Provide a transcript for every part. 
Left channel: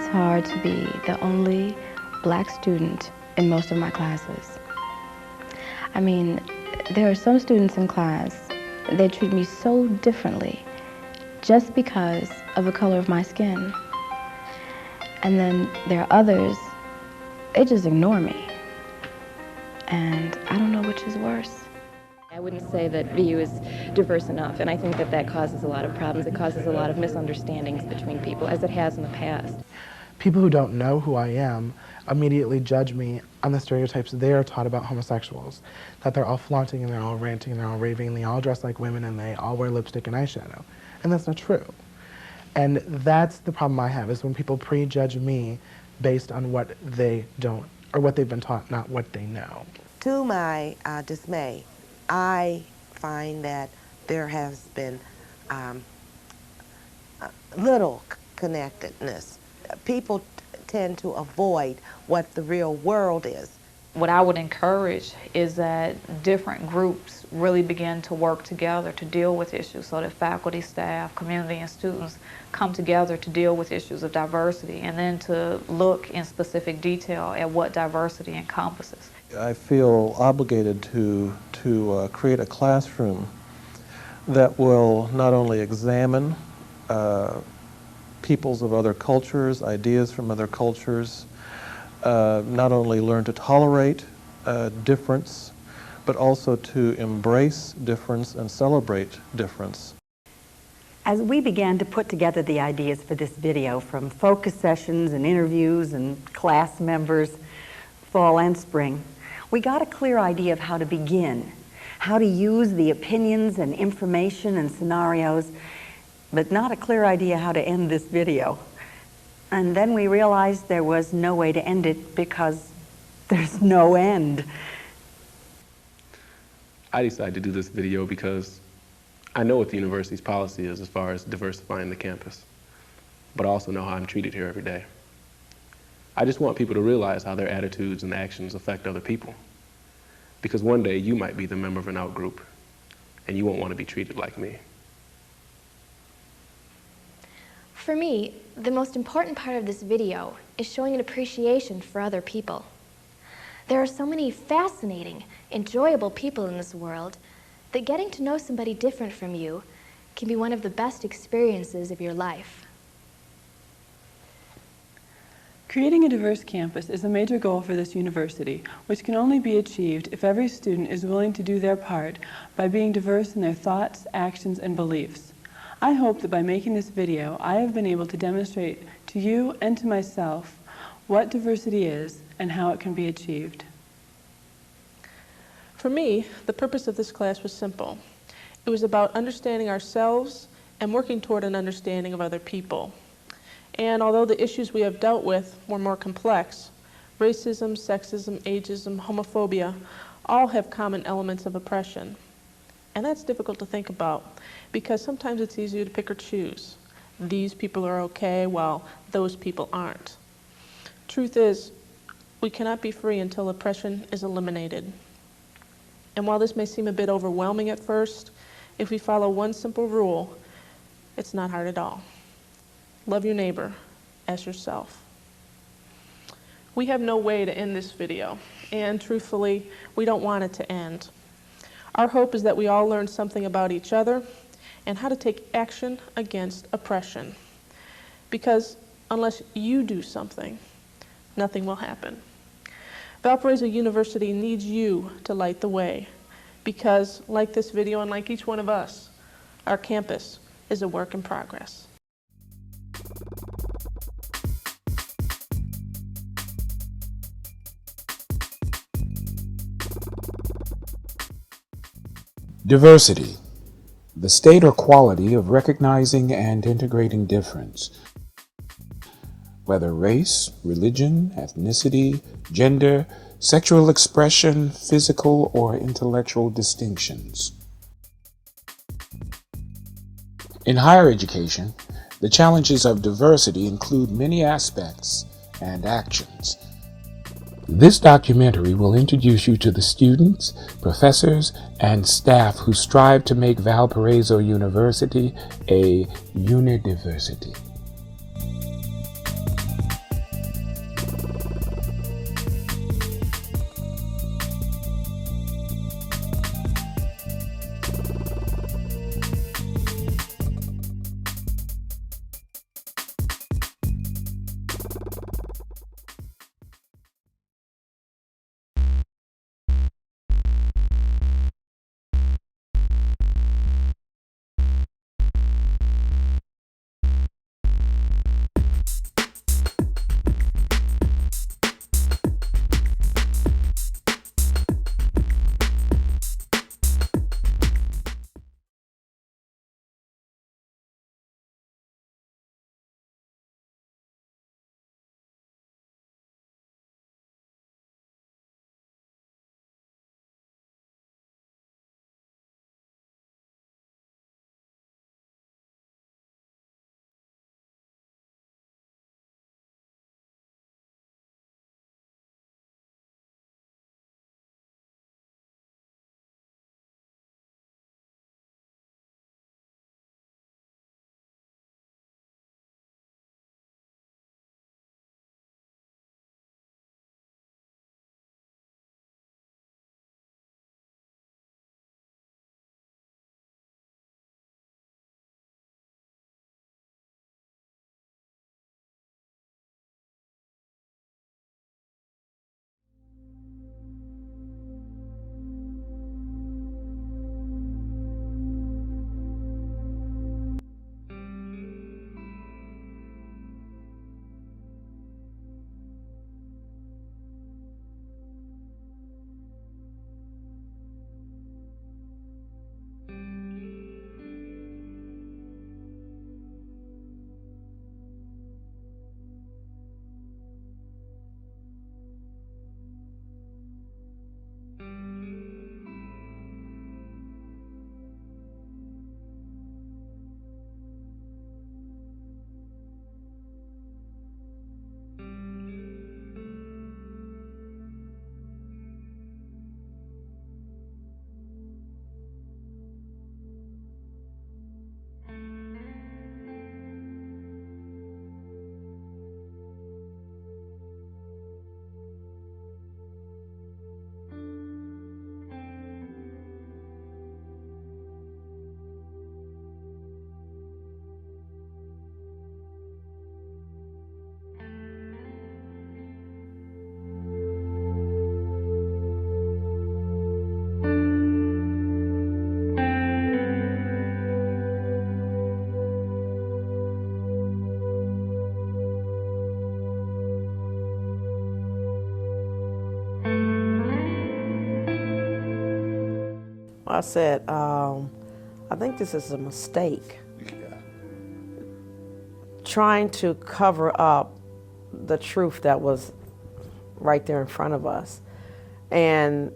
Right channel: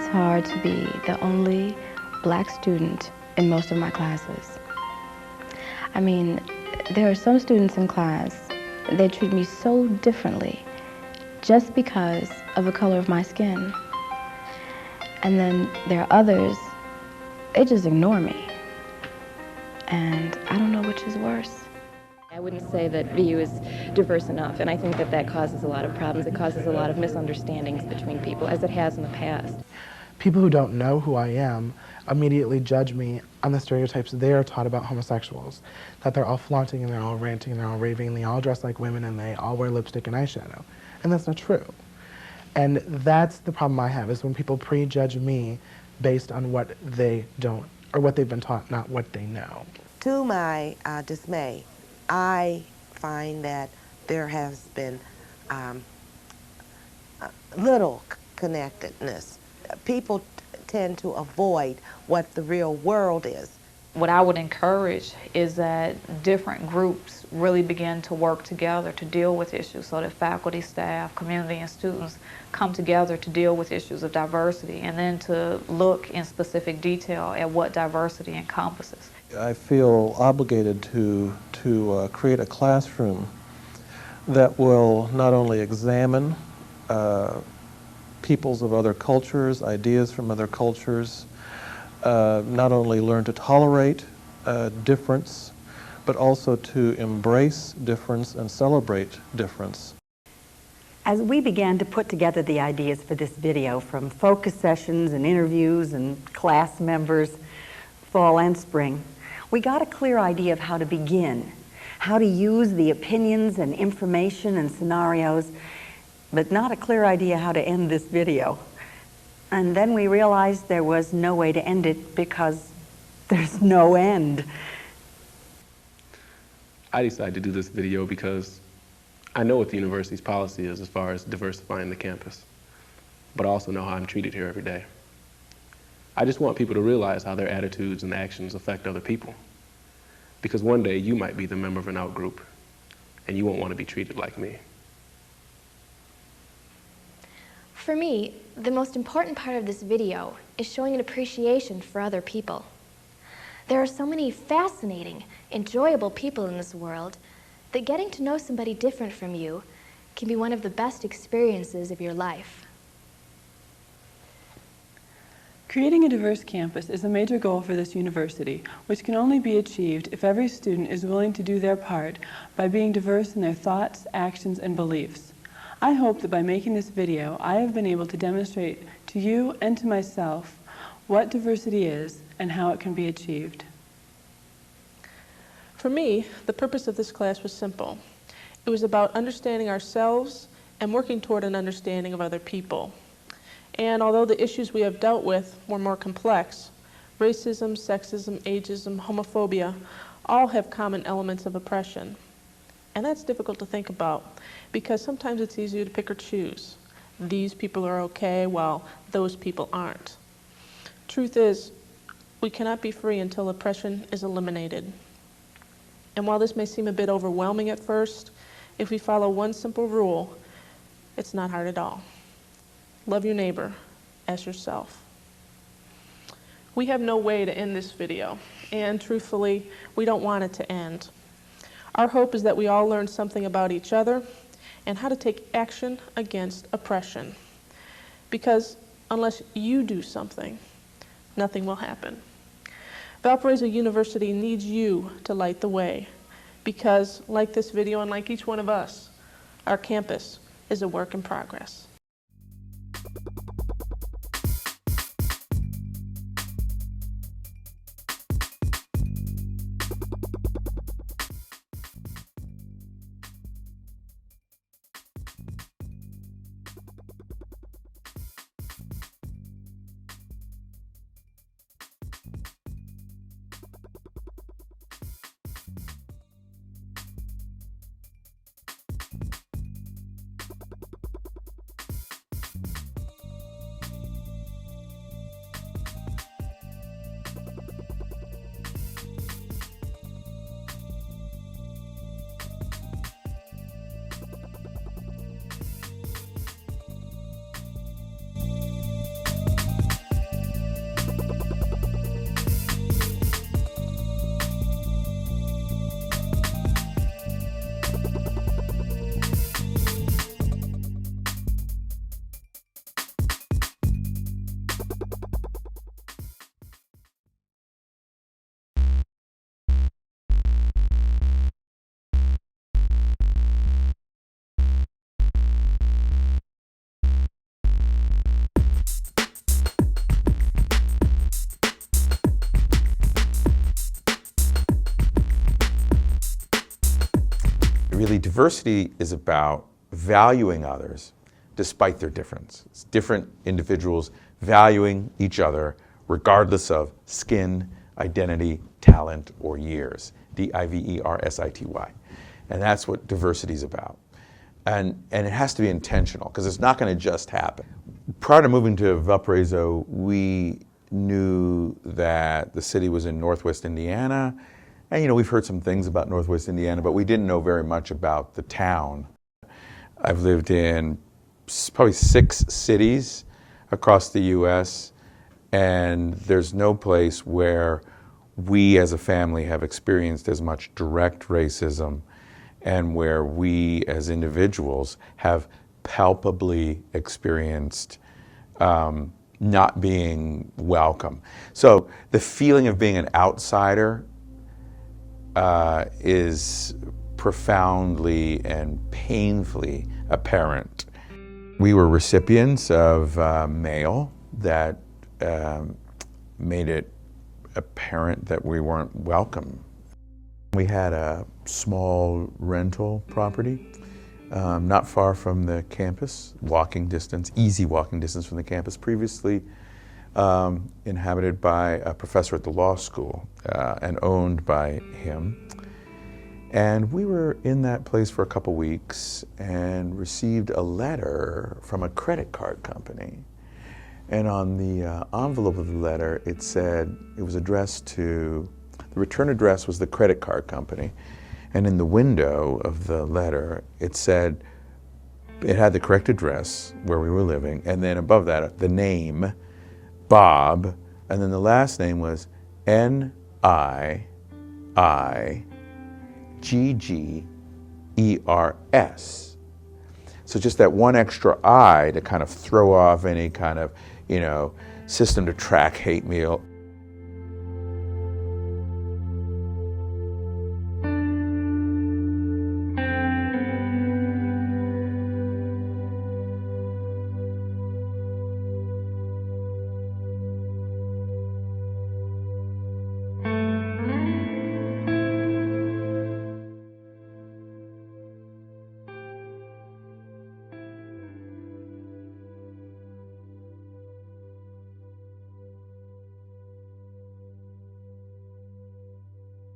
It's hard to be the only black student in most of my classes. I mean, there are some students in class, they treat me so differently just because of the color of my skin. And then there are others, they just ignore me. And I don't know which is worse. I wouldn't say that VU is diverse enough, and I think that that causes a lot of problems. It causes a lot of misunderstandings between people, as it has in the past. People who don't know who I am immediately judge me on the stereotypes they are taught about homosexuals, that they're all flaunting and they're all ranting and they're all raving and they all dress like women and they all wear lipstick and eyeshadow. And that's not true. And that's the problem I have, is when people prejudge me based on what they don't, or what they've been taught, not what they know. To my dismay, I find that there has been little connectedness. People tend to avoid what the real world is. What I would encourage is that different groups really begin to work together to deal with issues, so that faculty, staff, community, and students come together to deal with issues of diversity, and then to look in specific detail at what diversity encompasses. I feel obligated to create a classroom that will not only examine peoples of other cultures, ideas from other cultures, not only learn to tolerate difference, but also to embrace difference and celebrate difference. As we began to put together the ideas for this video, from focus sessions and interviews and class members, fall and spring, we got a clear idea of how to begin, how to use the opinions and information and scenarios, but not a clear idea how to end this video. And then we realized there was no way to end it because there's no end. I decided to do this video because I know what the university's policy is as far as diversifying the campus, but I also know how I'm treated here every day. I just want people to realize how their attitudes and actions affect other people. Because one day you might be the member of an out-group and you won't want to be treated like me. For me, the most important part of this video is showing an appreciation for other people. There are so many fascinating, enjoyable people in this world that getting to know somebody different from you can be one of the best experiences of your life. Creating a diverse campus is a major goal for this university, which can only be achieved if every student is willing to do their part by being diverse in their thoughts, actions, and beliefs. I hope that by making this video, I have been able to demonstrate to you and to myself what diversity is and how it can be achieved. For me, the purpose of this class was simple. It was about understanding ourselves and working toward an understanding of other people. And although the issues we have dealt with were more complex, racism, sexism, ageism, homophobia, all have common elements of oppression. And that's difficult to think about because sometimes it's easier to pick or choose. These people are okay while those people aren't. Truth is, we cannot be free until oppression is eliminated. And while this may seem a bit overwhelming at first, if we follow one simple rule, it's not hard at all. Love your neighbor as yourself. We have no way to end this video, and truthfully, we don't want it to end. Our hope is that we all learn something about each other and how to take action against oppression. Because unless you do something, nothing will happen. Valparaiso University needs you to light the way because, like this video and like each one of us, our campus is a work in progress. Diversity, the state or quality of recognizing and integrating difference, whether race, religion, ethnicity, gender, sexual expression, physical or intellectual distinctions. In higher education, the challenges of diversity include many aspects and actions. This documentary will introduce you to the students, professors, and staff who strive to make Valparaiso University a UNIDIVERSITY. Really, diversity is about valuing others despite their difference. It's different individuals valuing each other regardless of skin, identity, talent, or years. D-I-V-E-R-S-I-T-Y. And that's what diversity is about. And it has to be intentional, because it's not going to just happen. Prior to moving to Valparaiso, we knew that the city was in Northwest Indiana. And, you know, we've heard some things about Northwest Indiana, but we didn't know very much about the town. I've lived in probably 6 cities across the U.S., and there's no place where we as a family have experienced as much direct racism and where we as individuals have palpably experienced not being welcome. So the feeling of being an outsider is profoundly and painfully apparent. We were recipients of mail that made it apparent that we weren't welcome. We had a small rental property not far from the campus, walking distance, easy walking distance from the campus, previously inhabited by a professor at the law school and owned by him. And we were in that place for a couple weeks and received a letter from a credit card company. And on the envelope of the letter, it said, it was addressed to, the return address was the credit card company. And in the window of the letter, it said, it had the correct address where we were living, and then above that, the name, Bob, and then the last name was N-I-I-G-G-E-R-S. So just that one extra I to kind of throw off any kind of, you know, system to track hate mail. I said, I think this is a mistake. Trying to cover up the truth that was right there in front of us. And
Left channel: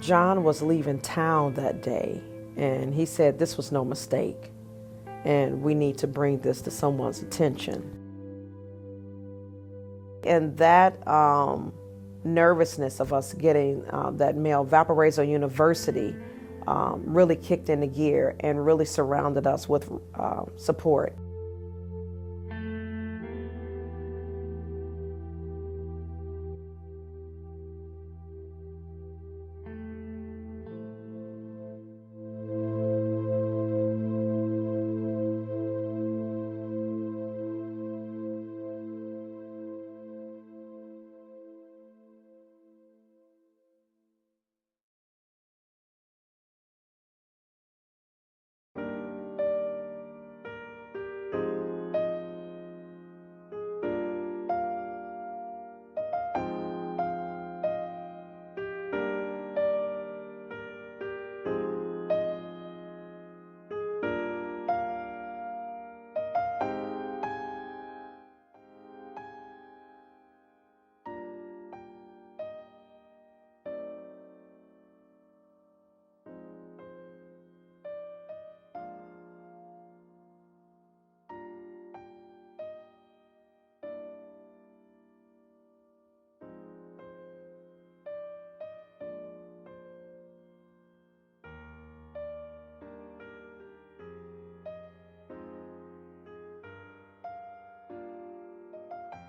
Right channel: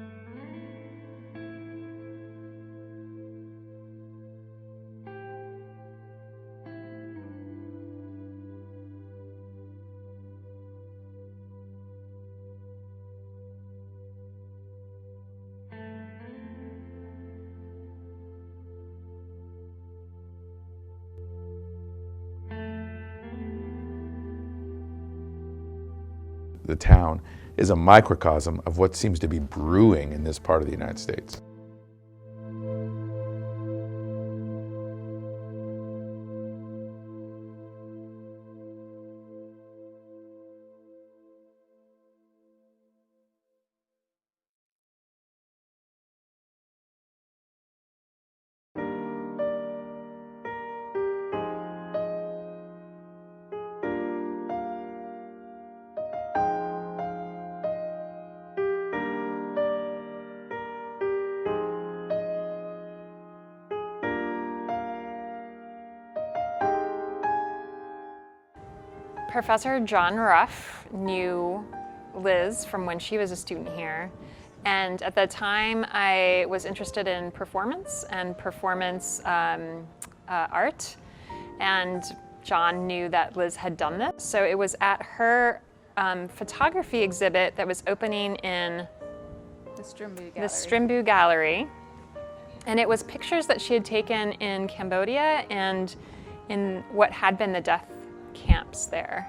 John was leaving town that day, and he said this was no mistake, and we need to bring this to someone's attention. And that nervousness of us getting that mail, Valparaiso University really kicked into gear and really surrounded us with support. The town is a microcosm of what seems to be brewing in this part of the United States. Professor John Ruff knew Liz from when she was a student here, and at the time I was interested in performance and performance art, and John knew that Liz had done this. So it was at her photography exhibit that was opening in the Strimbu Gallery, and it was pictures that she had taken in Cambodia and in what had been the death camps there.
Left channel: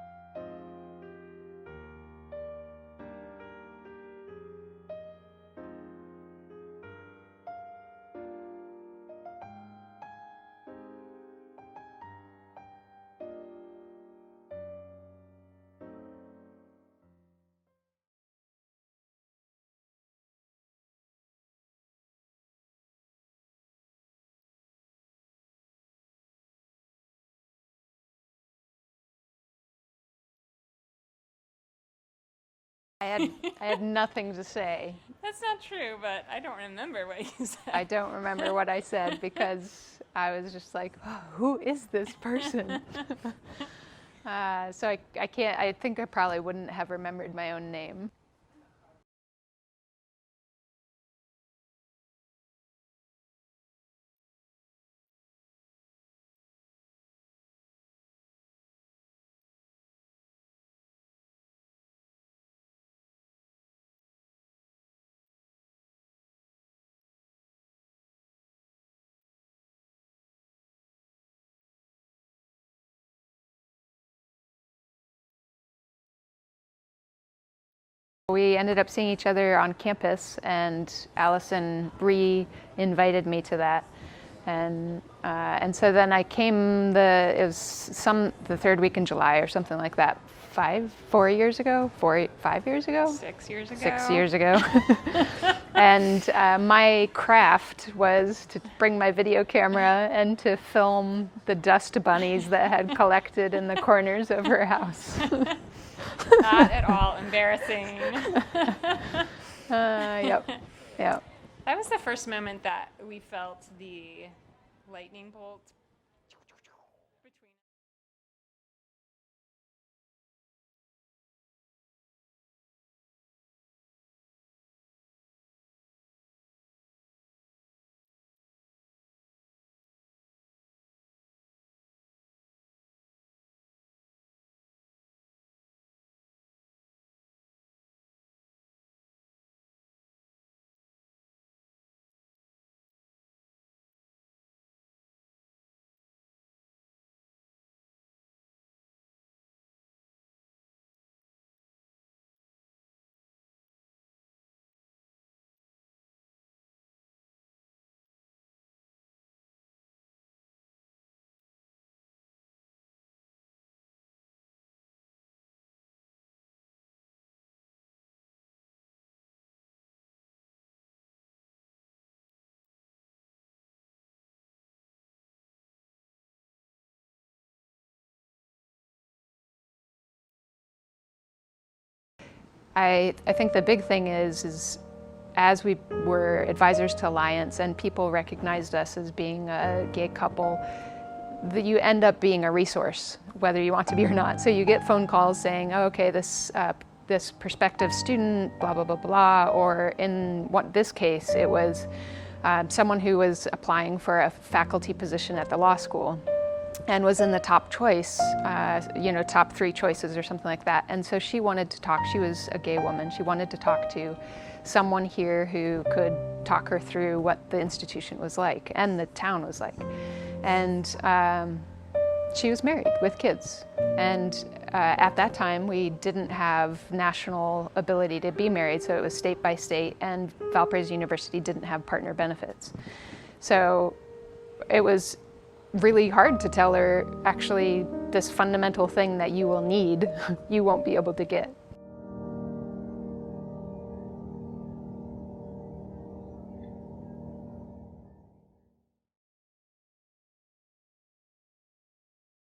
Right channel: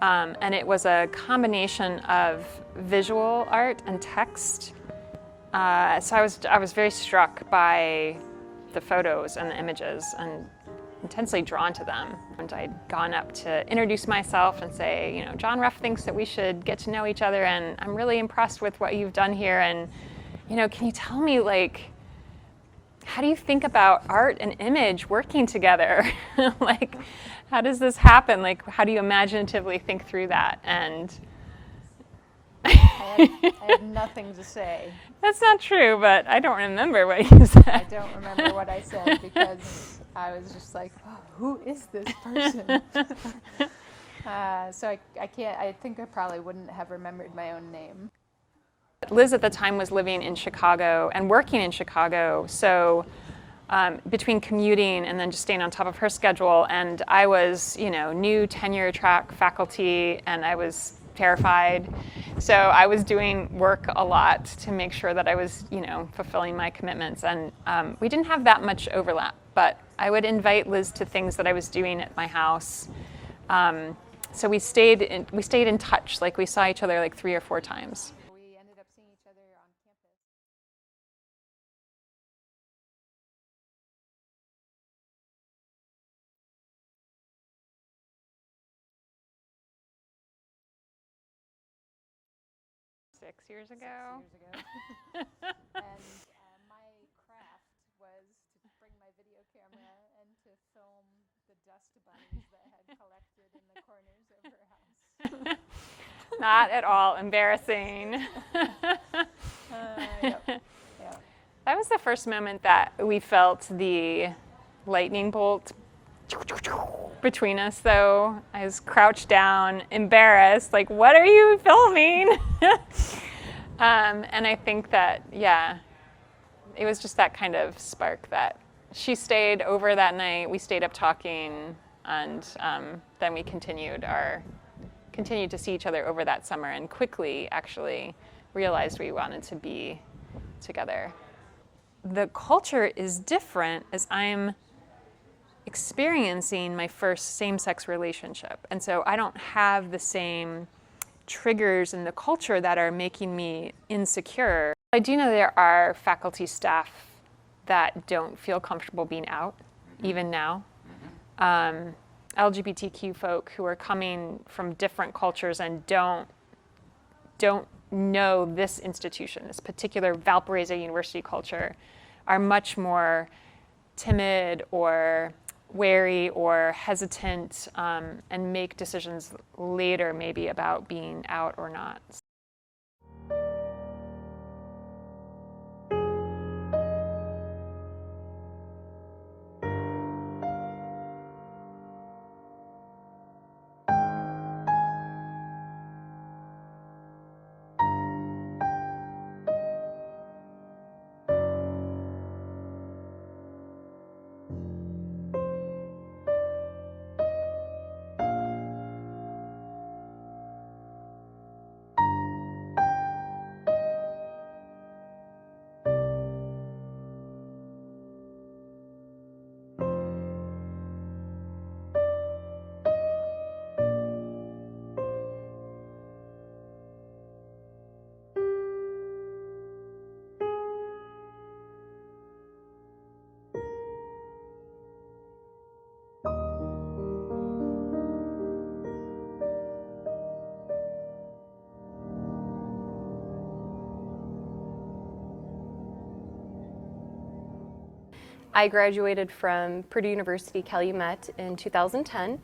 And it was a combination of visual art and text. So I was very struck by the photos and the images and intensely drawn to them. And I'd gone up to introduce myself and say, you know, John Ruff thinks that we should get to know each other, and I'm really impressed with what you've done here. And, you know, can you tell me, like, how do you think about art and image working together? Like, how does this happen? Like, how do you imaginatively think through that? And I have nothing to say. That's not true, but I don't remember what you said. I don't remember what I said because I was just like, oh, who is this person? So I can't, I think I probably wouldn't have remembered my own name. Liz at the time was living in Chicago and working in Chicago, so between commuting and then just staying on top of her schedule, and I was, new tenure track faculty, and I was terrified. So I was doing work a lot to make sure that I was, fulfilling my commitments, and we didn't have that much overlap, but I would invite Liz to things that I was doing at my house. So we stayed in touch. Like, we saw each other like 3 or 4 times. We ended up seeing each other on campus, and Allison re-invited me to that. And so then I came the 3rd week in July or something like that. 5 years ago? 5 years ago? 6 years ago. 6 years ago. And my craft was to bring my video camera and to film the dust bunnies that had collected in the corners of her house. Not at all embarrassing. Yep. That was the first moment that we felt the lightning bolt between us, though. I was crouched down, embarrassed, like, what are you filming? And I think that, it was just that kind of spark that she stayed over that night. We stayed up talking, and then we continued to see each other over that summer, and quickly actually realized we wanted to be together. The culture is different as I'm experiencing my first same-sex relationship, and so I don't have the same triggers in the culture that are making me insecure. I do know there are faculty staff that don't feel comfortable being out, even now. LGBTQ folk who are coming from different cultures and don't know this institution, this particular Valparaiso University culture, are much more timid or wary or hesitant, and make decisions later maybe about being out or not. I think the big thing is as we were advisors to Alliance and people recognized us as being a gay couple, that you end up being a resource, whether you want to be or not. So you get phone calls saying, oh, okay, this prospective student, blah, blah, blah, blah, or in this case, it was someone who was applying for a faculty position at the law school and was in the top choice, top 3 choices or something like that. And so she wanted to talk. She was a gay woman. She wanted to talk to someone here who could talk her through what the institution was like and the town was like. And she was married with kids. And at that time, we didn't have national ability to be married, so it was state by state, and Valparaiso University didn't have partner benefits. So it was really hard to tell her, actually, this fundamental thing that you will need, you won't be able to get. I graduated from Purdue University Calumet in 2010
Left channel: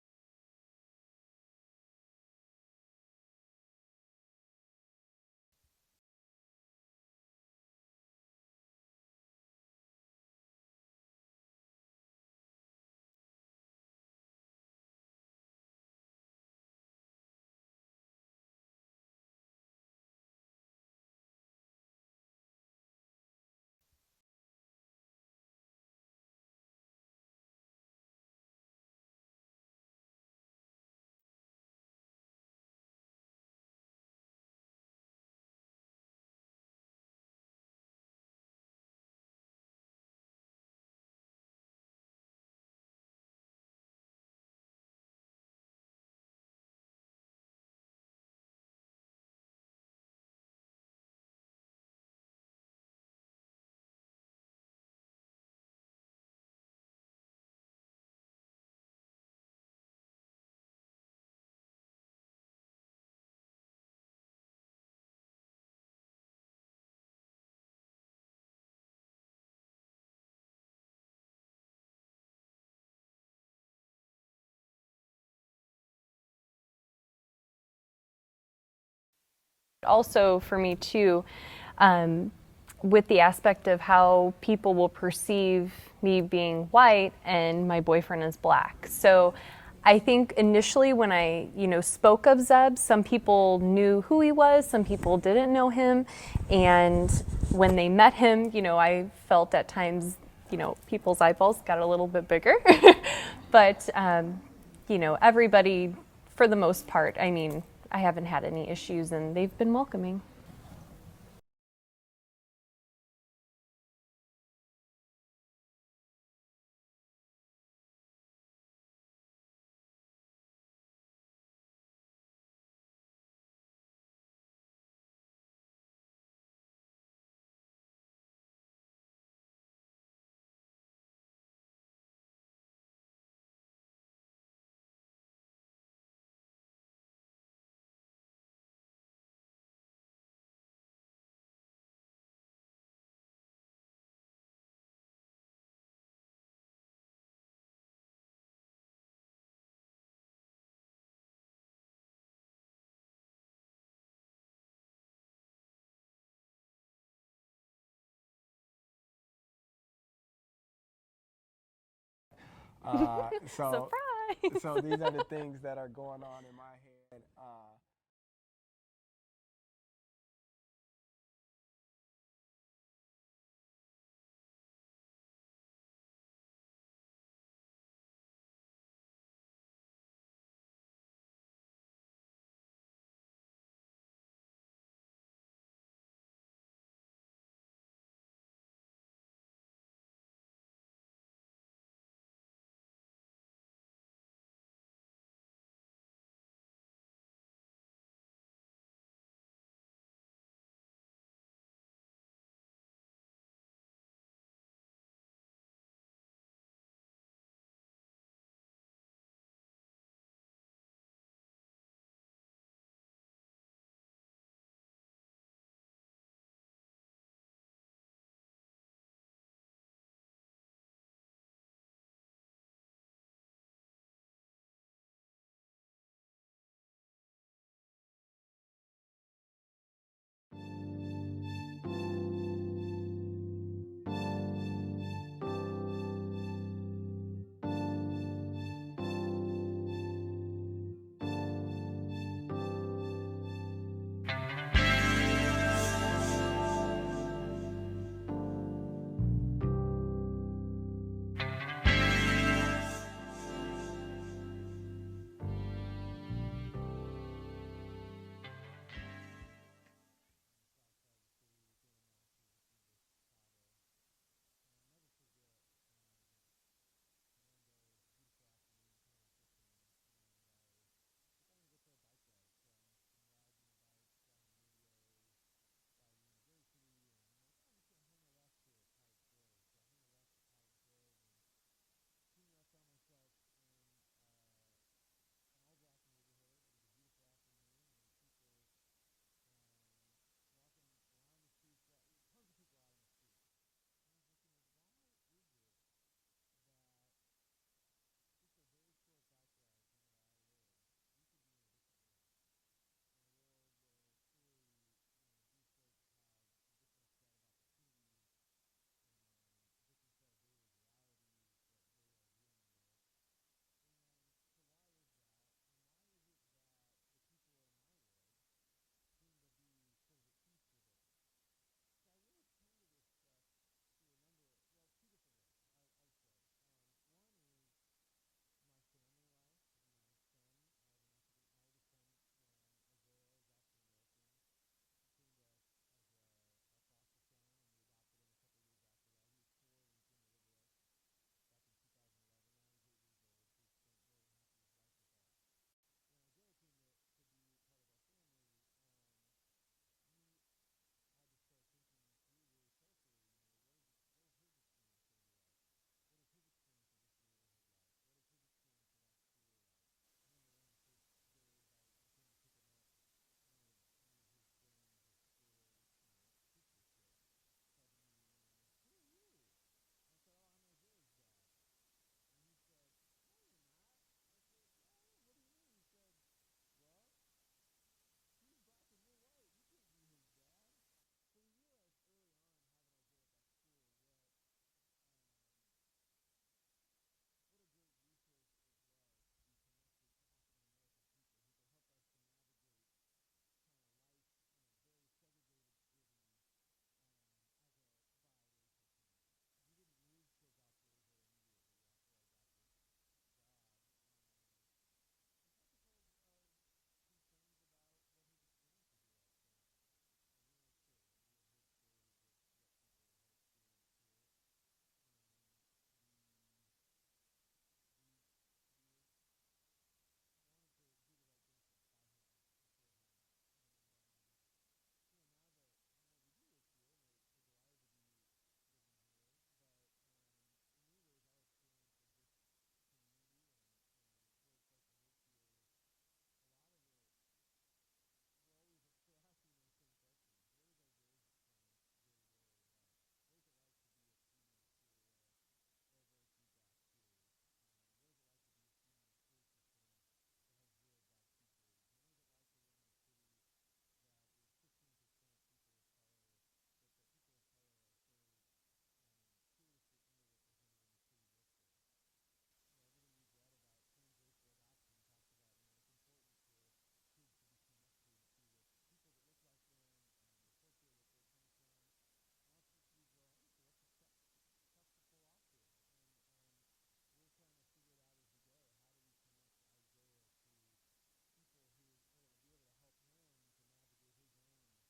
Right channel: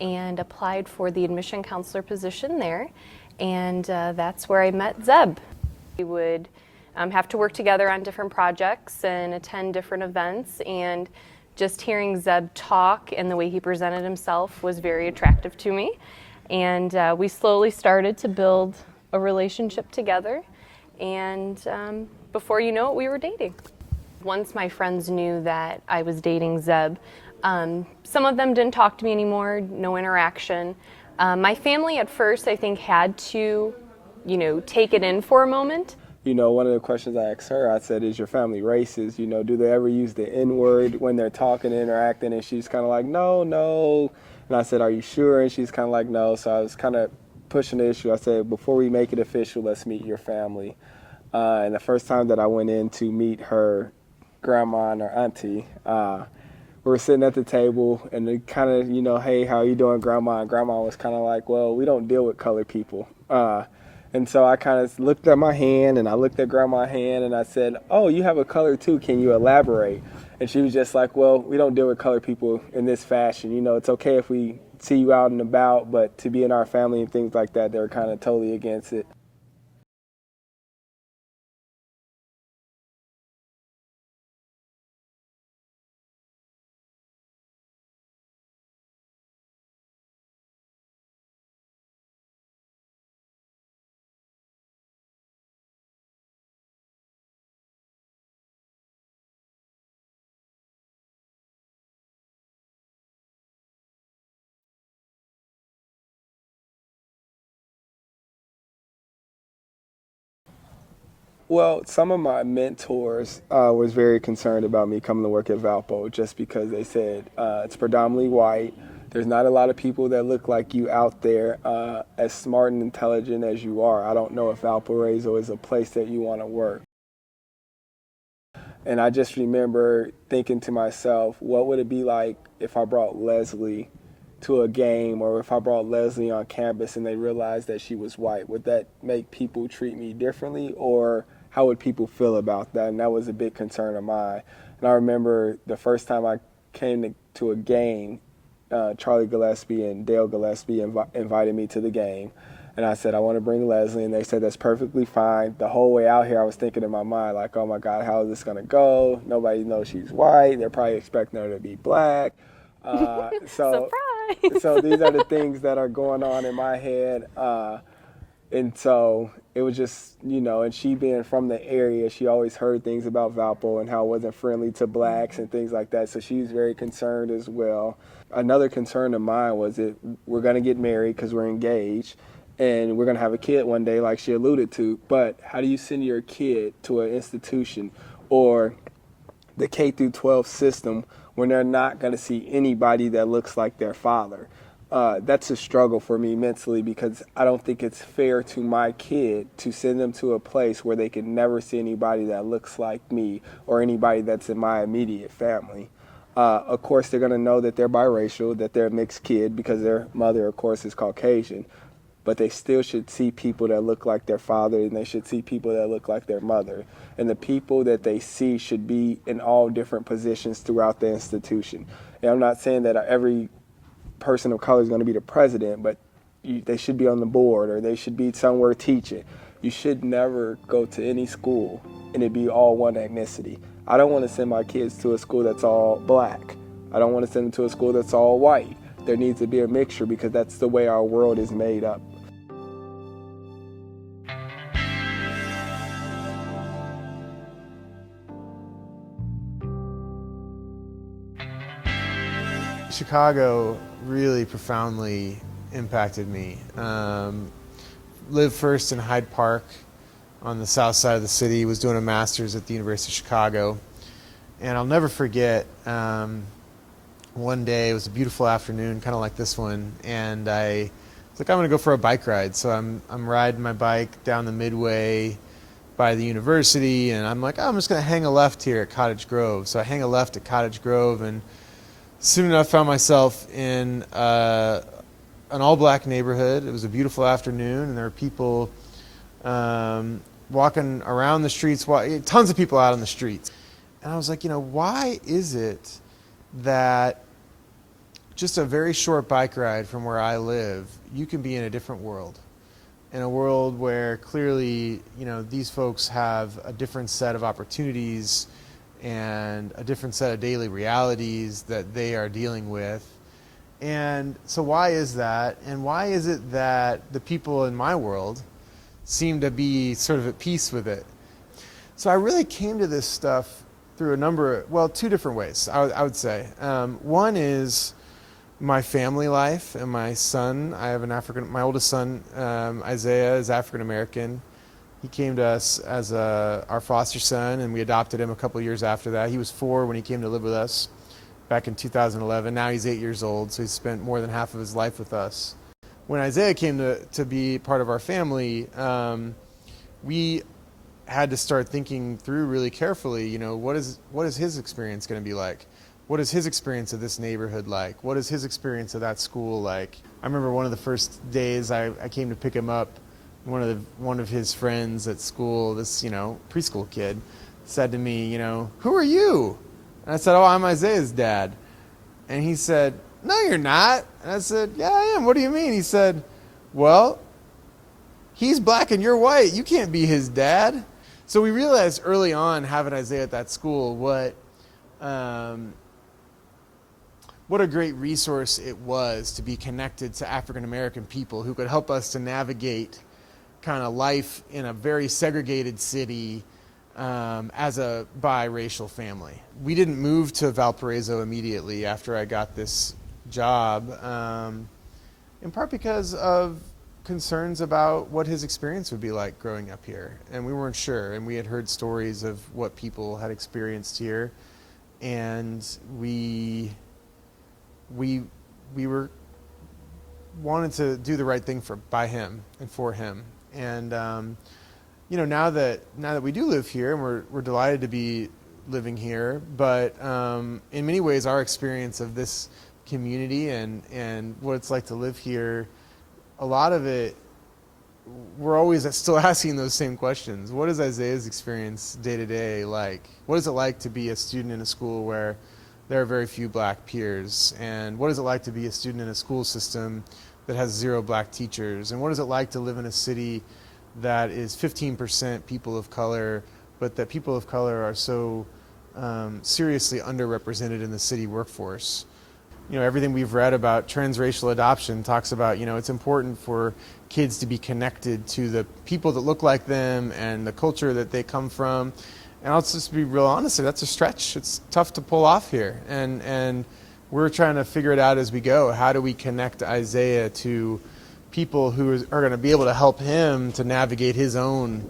and applied for the admission counselor position there, and that's where I met Zeb. We would have to work together on different projects and attend different events, and just hearing Zeb talk and the way he presented himself was very attractive to me. And we slowly started to build a relationship together, and before you know it, we were dating. Once my friends knew that I was dating Zeb, some of them didn't talk to me anymore, no interaction. My family at first, I think, had to, take it in for a moment. One of the questions I asked her, I said, is your family racist? Do they ever use the N-word when they're talking and interacting? And she's kind of like, no. And I said, are you sure? And she's kind of like, no. So I was kind of pushing the issue. I said, before we make it official, let's meet your family. And the first time that I went in to meet her grandma and her auntie, we were sitting at the table, and they kind of, hey, how are you doing, grandma? And grandma was kind of like, well, we don't deal with colored people. And so I kind of looked at my hand, and I looked at grandma's hand, and I said, oh, you have a color too, can you elaborate? And she was just like, well, we don't deal with colored people in this fashion. It's okay if we see you out and about, but to be in our family and things like that, they're kind of totally against it. also for me too, with the aspect of how people will perceive me being white and my boyfriend is black. So I think initially when I, spoke of Zeb, some people knew who he was, some people didn't know him, and when they met him, I felt at times, people's eyeballs got a little bit bigger. But, everybody, for the most part, I haven't had any issues and they've been welcoming. Well, some of my mentors was very concerned about me coming to work at Valpo just because they said it's predominantly white. There's not a lot of people that look like you out there as smart and intelligent as you are. I don't know if Valparaiso is a place that you want to work. And I just remember thinking to myself, what would it be like if I brought Leslie to a game, or if I brought Leslie on campus and they realized that she was white? Would that make people treat me differently, or how would people feel about that? And that was a big concern of mine. And I remember the first time I came to a game, Charlie Gillespie and Dale Gillespie invited me to the game. And I said, I want to bring Leslie. And they said, that's perfectly fine. The whole way out here, I was thinking in my mind, like, oh my God, how is this going to go? Nobody knows she's white. They're probably expecting her to be black. Surprise! So these are the things that are going on in my head. And so it was just, and she being from the area, she always heard things about Valpo and how it wasn't friendly to blacks and things like that. So she was very concerned as well. Another concern of mine was that we're going to get married because we're engaged and we're going to have a kid one day, like she alluded to. But how do you send your kid to an institution or the K through 12 system when they're not going to see anybody that looks like their father? That's a struggle for me mentally, because I don't think it's fair to my kid to send them to a place where they can never see anybody that looks like me or anybody that's in my immediate family. Of course, they're going to know that they're biracial, that they're a mixed kid because their mother, of course, is Caucasian. But they still should see people that look like their father, and they should see people that look like their mother. And the people that they see should be in all different positions throughout the institution. And I'm not saying that every person of color is going to be the president, but they should be on the board or they should be somewhere teaching. You should never go to any school and it be all one ethnicity. I don't want to send my kids to a school that's all black. I don't want to send them to a school that's all white. There needs to be a mixture, because that's the way our world is made up. Chicago really profoundly impacted me. Lived first in Hyde Park on the south side of the city, was doing a master's at the University of Chicago. And I'll never forget, one day, it was a beautiful afternoon, kind of like this one, and I was like, I'm going to go for a bike ride. So I'm riding my bike down the Midway by the university, and I'm like, oh, I'm just going to hang a left here at Cottage Grove. So I hang a left at Cottage Grove, and soon enough found myself in an all-black neighborhood. It was a beautiful afternoon, and there were people walking around the streets, tons of people out on the streets. And I was like, why is it that just a very short bike ride from where I live, you can be in a different world? In a world where clearly, these folks have a different set of opportunities and a different set of daily realities that they are dealing with. And so why is that? And why is it that the people in my world seem to be sort of at peace with it? So I really came to this stuff through two different ways, I would say. One is my family life and my son. I have my oldest son, Isaiah, is African American. He came to us as our foster son, and we adopted him a couple years after that. He was 4 when he came to live with us back in 2011. Now he's 8 years old, so he's spent more than half of his life with us. When Isaiah came to be part of our family, we had to start thinking through really carefully, what is his experience going to be like? What is his experience of this neighborhood like? What is his experience of that school like? I remember one of the first days I came to pick him up, one of his friends at school, this preschool kid, said to me, who are you? And I said, oh, I'm Isaiah's dad. And he said, no, you're not. And I said, yeah, I am. What do you mean? He said, well, he's black and you're white. You can't be his dad. So we realized early on, having Isaiah at that school, what a great resource it was to be connected to African American people who could help us to navigate kind of life in a very segregated city as a biracial family. We didn't move to Valparaiso immediately after I got this job, in part because of concerns about what his experience would be like growing up here. And we weren't sure, and we had heard stories of what people had experienced here, and we were wanted to do the right thing by him and for him. And you know, now that we do live here, and we're delighted to be living here, but in many ways our experience of this community and what it's like to live here, a lot of it, we're always still asking those same questions. What is Isaiah's experience day to day like? What is it like to be a student in a school where there are very few black peers? And what is it like to be a student in a school system that has 0 black teachers? And what is it like to live in a city that is 15% people of color, but that people of color are so seriously underrepresented in the city workforce? You know, everything we've read about transracial adoption talks about, you know, it's important for kids to be connected to the people that look like them and the culture that they come from. And I'll just be real honest, that's a stretch. It's tough to pull off here. And we're trying to figure it out as we go. How do we connect Isaiah to people who are going to be able to help him to navigate his own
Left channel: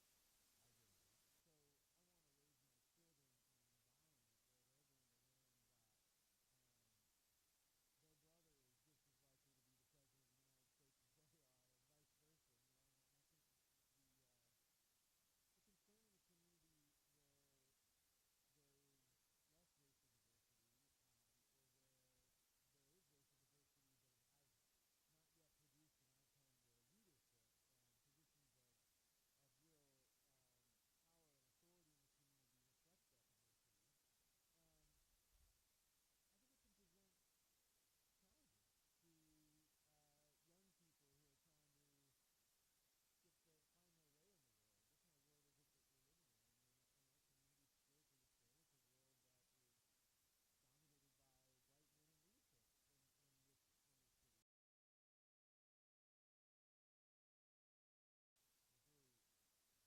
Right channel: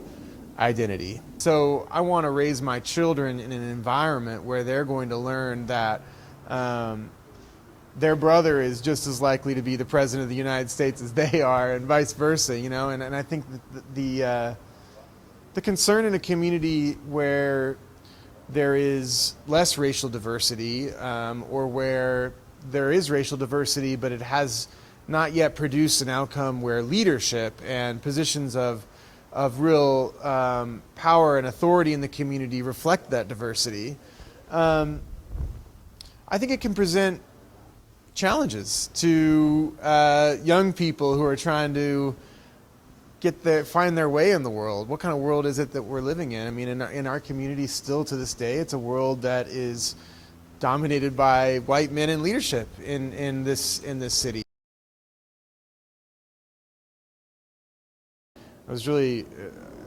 identity? So I want to raise my children in an environment where they're going to learn that their brother is just as likely to be the president of the United States as they are, and vice versa, you know. And I think the concern in a community where there is less racial diversity, or where there is racial diversity, but it has not yet produced an outcome where leadership and positions of real power and authority in the community reflect that diversity, I think it can present challenges to young people who are trying to find their way in the world. What kind of world is it that we're living in? I mean, in our community still to this day, it's a world that is dominated by white men in leadership in this city. It was really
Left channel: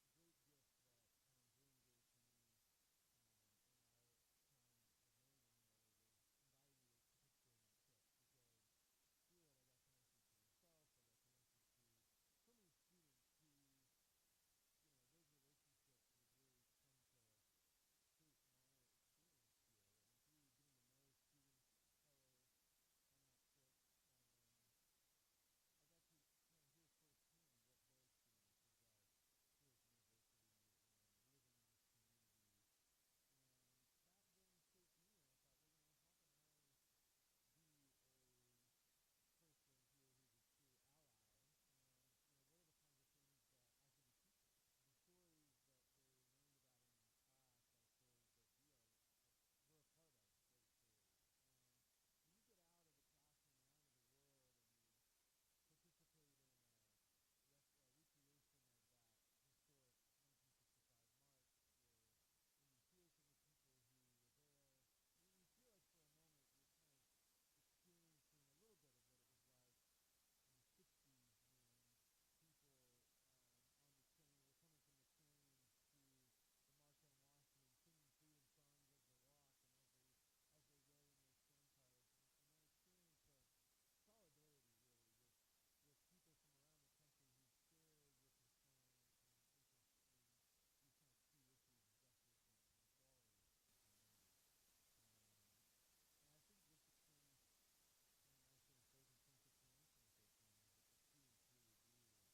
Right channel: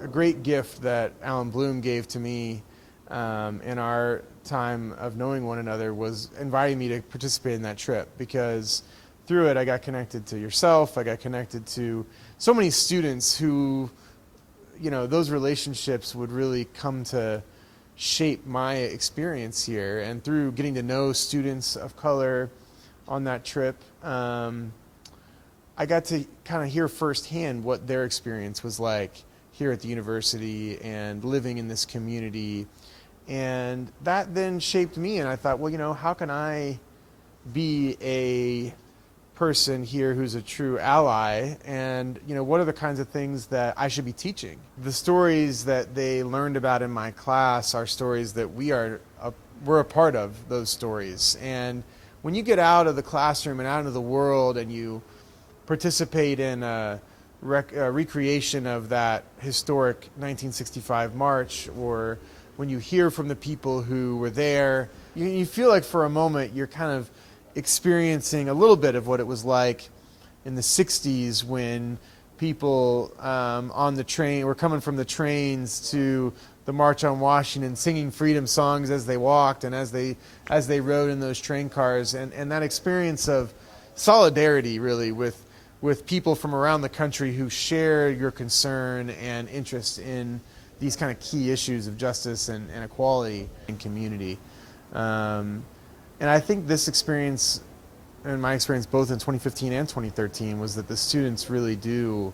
a great gift that Alan Bloom gave to me in our time of knowing one another, was inviting me to participate in that trip, because through it I got connected to yourself, I got connected to so many students who, you know, those relationships would really come to shape my experience here. And through getting to know students of color on that trip, I got to kind of hear firsthand what their experience was like here at the university and living in this community. And that then shaped me, and I thought, well, you know, how can I be a person here who's a true ally, and, you know, what are the kinds of things that I should be teaching? The stories that they learned about in my class are stories that we're a part of those stories. And when you get out of the classroom and out into the world and you participate in a recreation of that historic 1965 march, or when you hear from the people who were there, you feel like for a moment you're kind of experiencing a little bit of what it was like in the 60s when people on the train were coming from the trains to the March on Washington, singing freedom songs as they walked and as they rode in those train cars, and that experience of solidarity really with people from around the country who share your concern and interest in these kind of key issues of justice and equality in community. And I think this experience, and my experience both in 2015 and 2013, was that the students really do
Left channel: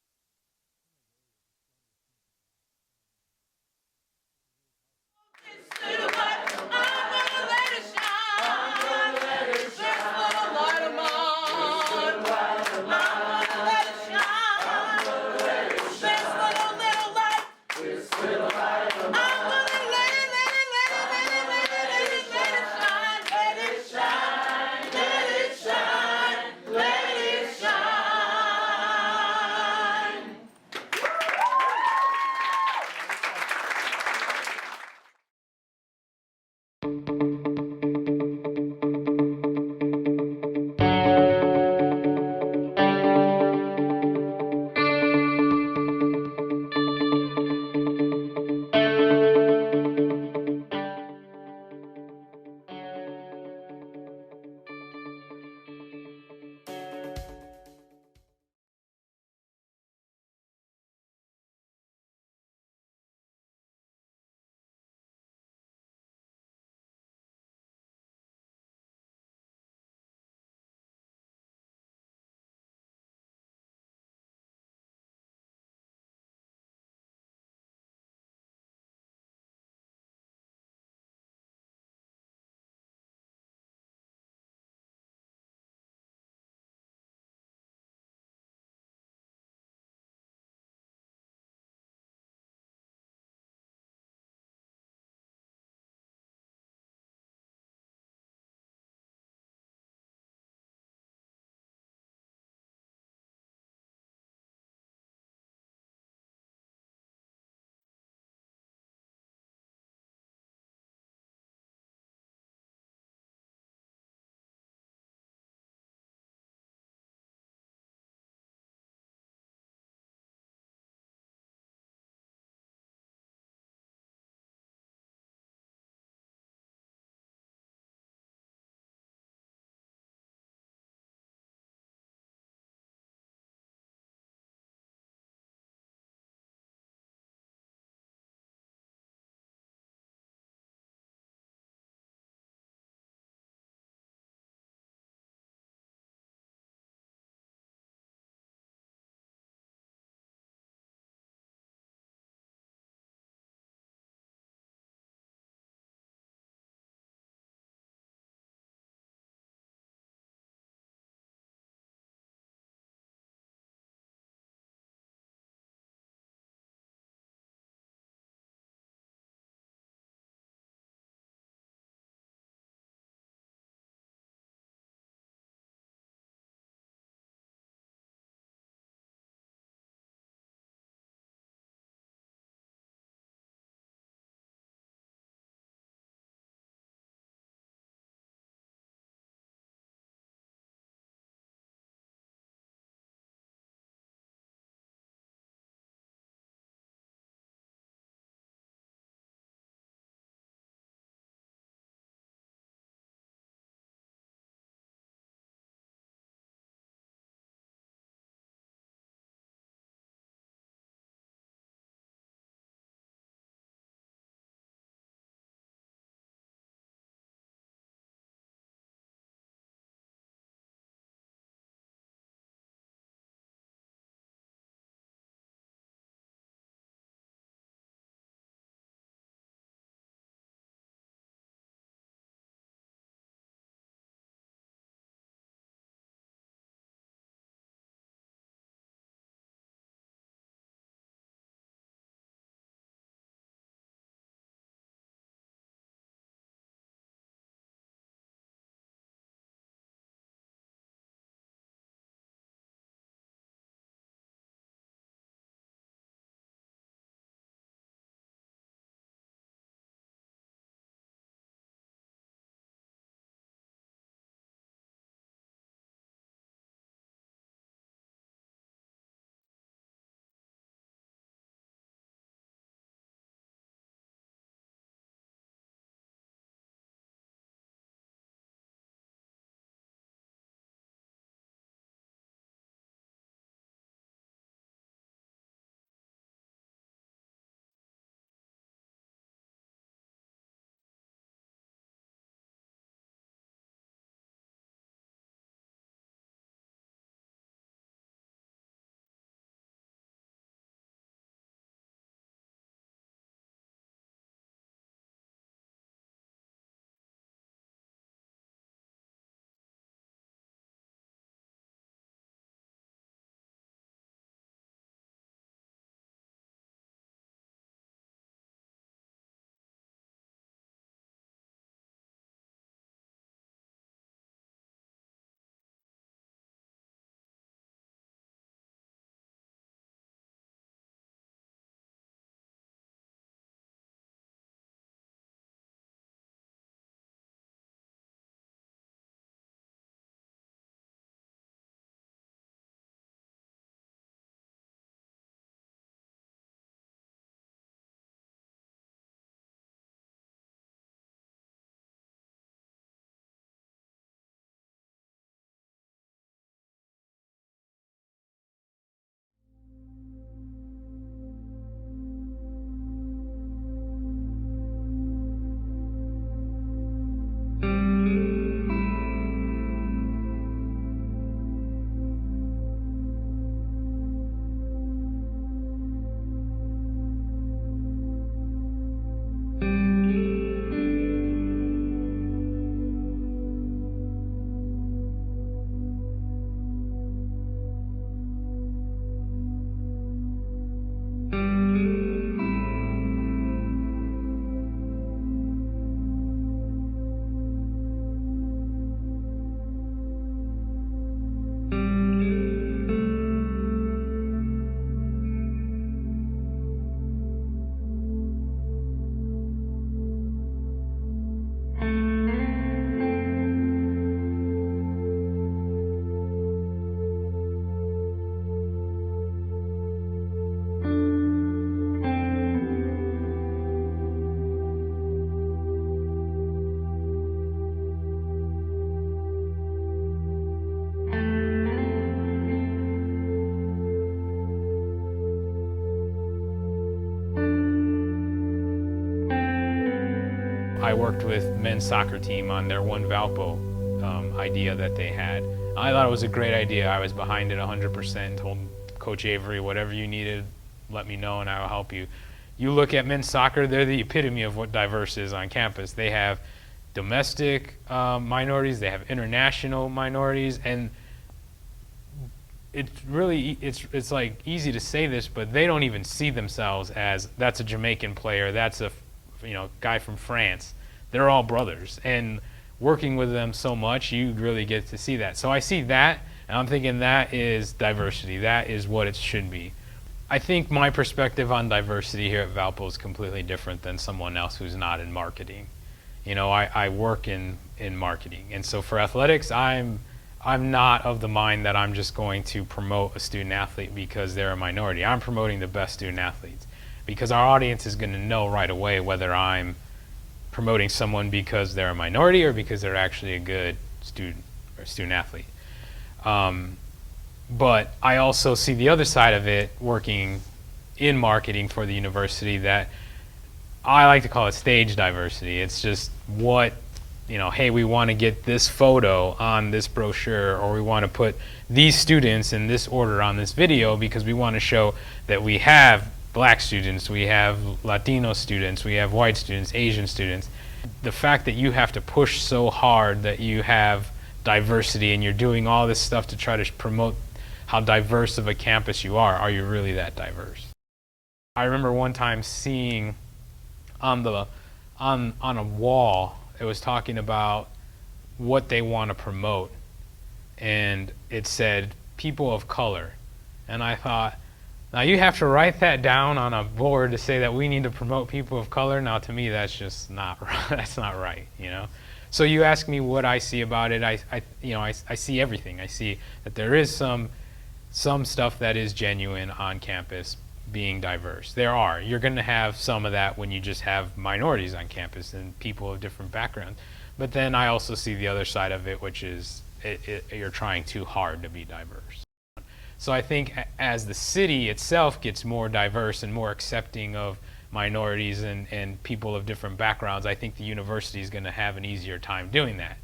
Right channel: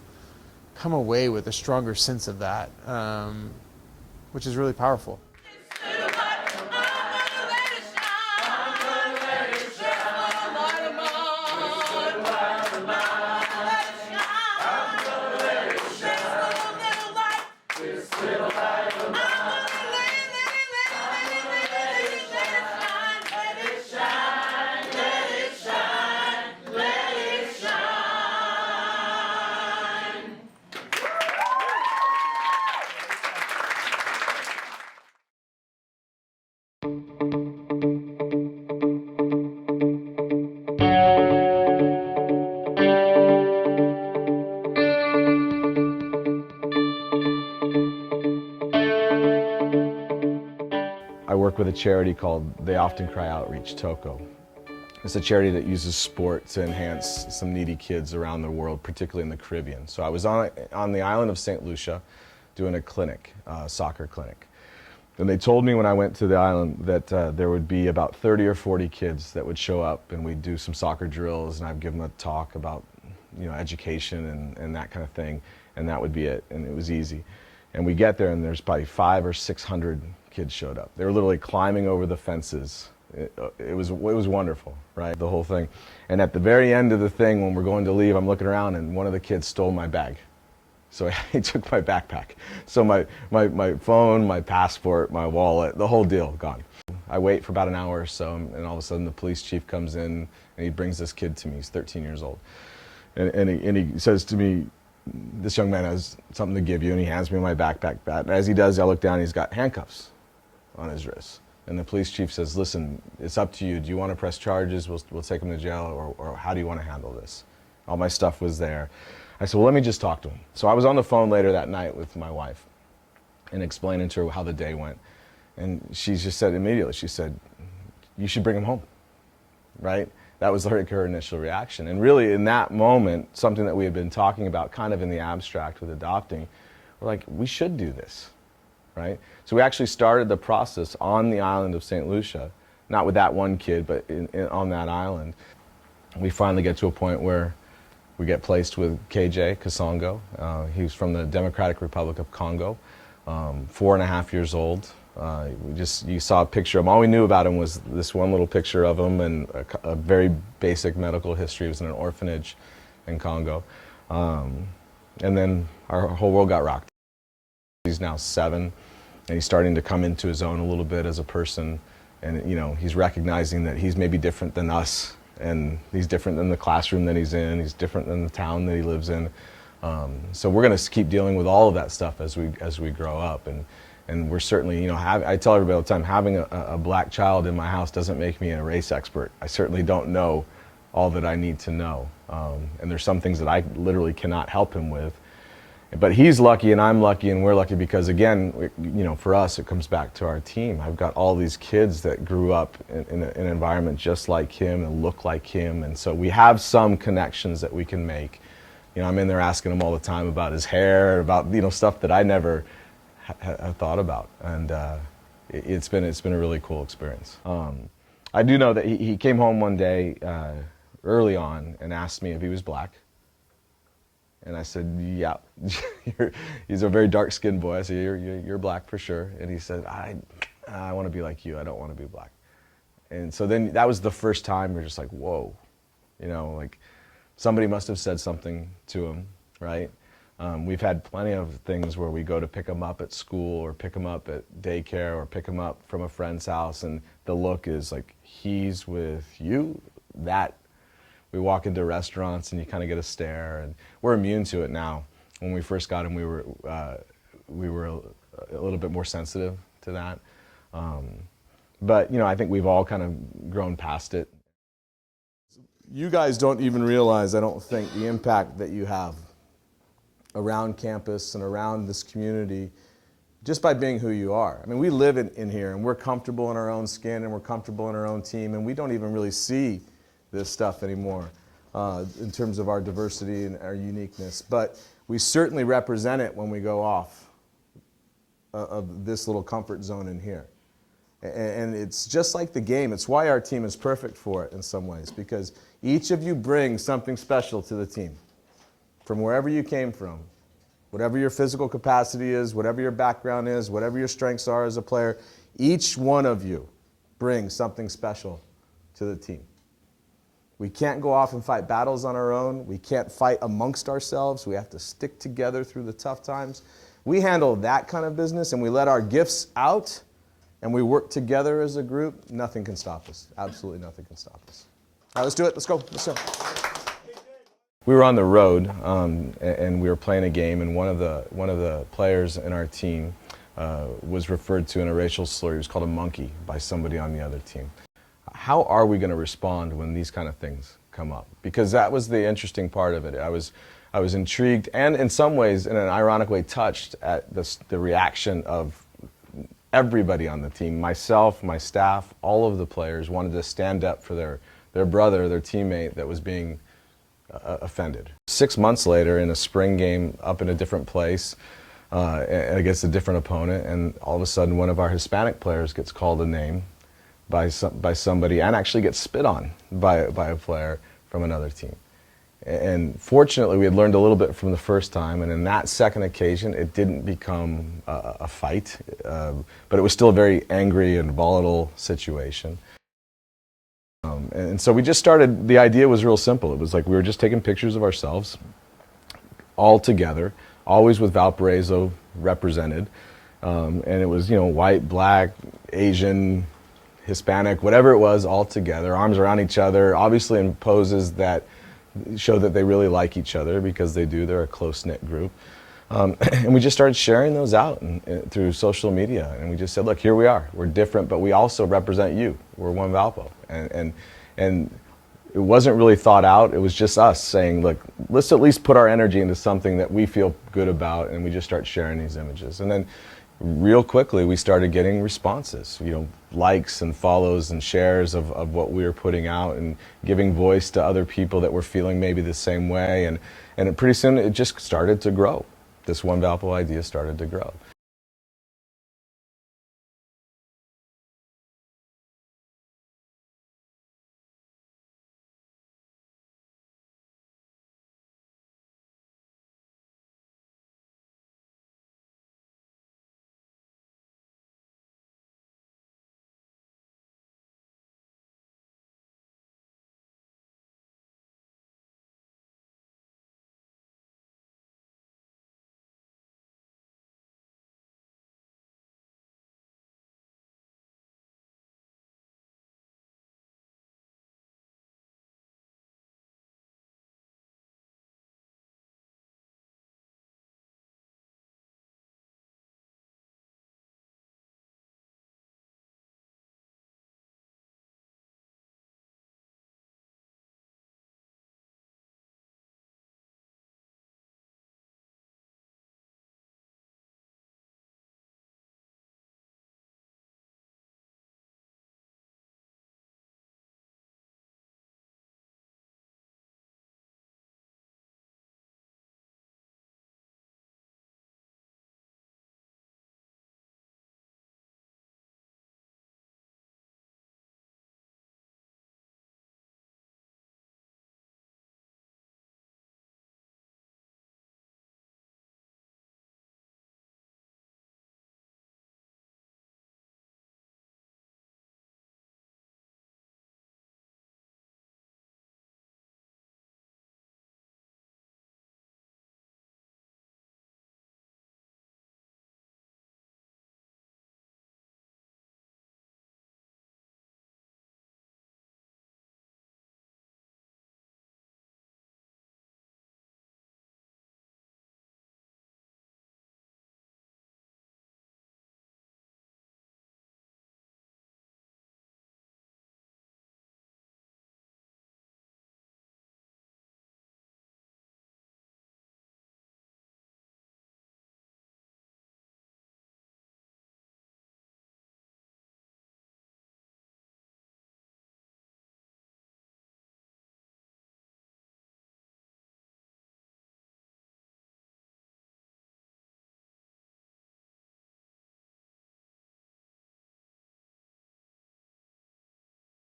come away with a stronger sense of that, which is really powerful. work with a charity called They Often Cry Outreach, TOCO. It's a charity that uses sport to enhance some needy kids around the world, particularly in the Caribbean. So I was on the island of St. Lucia doing a clinic, soccer clinic. And they told me when I went to the island that there would be about 30 or 40 kids that would show up, and we'd do some soccer drills, and I'd give them a talk about, you know, education and that kind of thing, and that would be it, and it was easy. And we get there, and there's probably 500 or 600 kids showed up. They were literally climbing over the fences. It was wonderful, right, the whole thing. And at the very end of the thing, when we're going to leave, I'm looking around, and one of the kids stole my bag. So he took my backpack. So my phone, my passport, my wallet, the whole deal, gone. I wait for about an hour or so, and all of a sudden the police chief comes in, and he brings this kid to me. He's 13 years old. And he says to me, this young man has something to give you, and he hands me my backpack. And as he does, I look down, he's got handcuffs on his wrists. And the police chief says, listen, it's up to you. Do you want to press charges? We'll take him to jail, or how do you want to handle this? All my stuff was there. I said, well, let me just talk to him. So I was on the phone later that night with my wife and explaining to her how the day went. And she just said immediately, she said, you should bring him home, right? That was her initial reaction. And really in that moment, something that we had been talking about kind of in the abstract with adopting, we're like, we should do this, right? So we actually started the process on the island of St. Lucia, not with that one kid, but on that island. We finally get to a point where we get placed with KJ Kasongo. He's from the Democratic Republic of Congo, 4.5 years old. You saw a picture of him. All we knew about him was this one little picture of him and a very basic medical history. He was in an orphanage in Congo. And then our whole world got rocked. He's now 7, and he's starting to come into his own a little bit as a person. And you know, he's recognizing that he's maybe different than us. And he's different than the classroom that he's in. He's different than the town that he lives in. So we're going to keep dealing with all of that stuff as we grow up. And we're certainly, you know, I tell everybody all the time, having a black child in my house doesn't make me a race expert. I certainly don't know all that I need to know. And there's some things that I literally cannot help him with. But he's lucky, and I'm lucky, and we're lucky because, again, you know, for us, it comes back to our team. I've got all these kids that grew up in an environment just like him and look like him, and so we have some connections that we can make. You know, I'm in there asking him all the time about his hair, about, you know, stuff that I never had thought about, and it's been a really cool experience. I do know that he came home one day early on and asked me if he was black. And I said, yeah, he's a very dark-skinned boy. I said, you're black for sure. And he said, I want to be like you. I don't want to be black. And so then that was the first time we're just like, whoa, you know, like somebody must have said something to him, right? We've had plenty of things where we go to pick him up at school or pick him up at daycare or pick him up from a friend's house, and the look is like, he's with you? That. We walk into restaurants and you kind of get a stare, and we're immune to it now. When we first got him, we were a little bit more sensitive to that. But you know, I think we've all kind of grown past it. You guys don't even realize, I don't think, the impact that you have around campus and around this community just by being who you are. I mean, we live in here, and we're comfortable in our own skin, and we're comfortable in our own team, and we don't even really see this stuff anymore in terms of our diversity and our uniqueness. But we certainly represent it when we go off of this little comfort zone in here. And it's just like the game. It's why our team is perfect for it in some ways, because each of you brings something special to the team from wherever you came from. Whatever your physical capacity is, whatever your background is, whatever your strengths are as a player, each one of you brings something special to the team. We can't go off and fight battles on our own. We can't fight amongst ourselves. We have to stick together through the tough times. We handle that kind of business, and we let our gifts out, and we work together as a group. Nothing can stop us. Absolutely nothing can stop us. All right, let's do it. Let's go. Let's go. We were on the road, and we were playing a game, and one of the players in our team was referred to in a racial slur. He was called a monkey by somebody on the other team. How are we going to respond when these kind of things come up? Because that was the interesting part of it. I was intrigued and in some ways, in an ironic way, touched at the reaction of everybody on the team, myself, my staff, all of the players wanted to stand up for their brother, their teammate that was being offended. 6 months later, in a spring game up in a different place against a different opponent, and all of a sudden one of our Hispanic players gets called a name by somebody and actually gets spit on by a player from another team. And fortunately, we had learned a little bit from the first time, and in that second occasion, it didn't become a fight, but it was still a very angry and volatile situation. And so we just started, the idea was real simple. It was like we were just taking pictures of ourselves, all together, always with Valparaiso represented. And it was, you know, white, black, Asian, Hispanic, whatever it was, all together, arms around each other, obviously in poses that show that they really like each other, because they do, they're a close-knit group. And we just started sharing those out through social media, and we just said, look, here we are, we're different, but we also represent you, we're one Valpo. And it wasn't really thought out, it was just us saying, look, let's at least put our energy into something that we feel good about, and we just started sharing these images. And then real quickly we started getting responses, you know, likes and follows and shares of what we were putting out, and giving voice to other people that were feeling maybe the same way, and pretty soon it just started to grow. This One Valpo idea started to grow. I worked with men's soccer team on their One Valpo idea that they had. I thought it was a great idea. I was behind it 100%, told Coach Avery, whatever you needed, let me know and I will help you. You look at men's soccer, they're the epitome of what diverse is on campus. They have domestic minorities, they have international minorities, and it's really, it's like easy to say this, but they don't even see themselves as, that's a Jamaican player, that's a guy from France. They're all brothers, and working with them so much, you really get to see that. So I see that, and I'm thinking that is diversity. That is what it should be. I think my perspective on diversity here at Valpo is completely different than someone else who's not in marketing. You know, I work in marketing, and so for athletics, I'm not of the mind that I'm just going to promote a student athlete because they're a minority. I'm promoting the best student athletes, because our audience is going to know right away whether I'm promoting someone because they're a minority or because they're actually a good student or student athlete. But I also see the other side of it, working in marketing for the university, that I like to call it stage diversity. It's just what, hey, we want to get this photo on this brochure, or we want to put these students in this order on this video because we want to show that we have Black students, we have Latino students, we have white students, Asian students. The fact that you have to push so hard that you have diversity and you're doing all this stuff to try to promote how diverse of a campus you are you really that diverse? I remember one time seeing on a wall, it was talking about what they want to promote, and it said people of color, and I thought, now you have to write that down on a board to say that we need to promote people of color. Now to me, that's just not that's not right, So you ask me what I see about it. I see everything. I see that there is some stuff that is genuine on campus, being diverse. You're going to have some of that when you just have minorities on campus and people of different backgrounds. But then I also see the other side of it, which is you're trying too hard to be diverse. So I think as the city itself gets more diverse and more accepting of minorities and people of different backgrounds, I think the university is going to have an easier time doing that,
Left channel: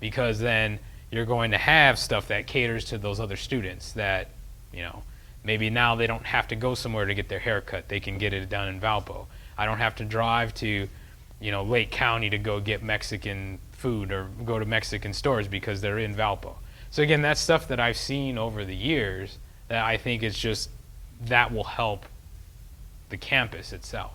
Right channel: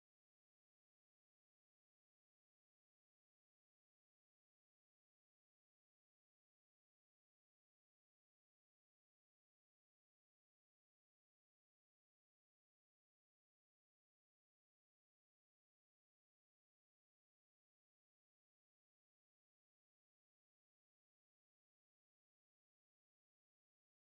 because then you're going to have stuff that caters to those other students that, maybe now they don't have to go somewhere to get their hair cut. They can get it done in Valpo. I don't have to drive to, Lake County to go get Mexican food or go to Mexican stores because they're in Valpo. So again, that's stuff that I've seen over the years that I think is just, that will help the campus itself.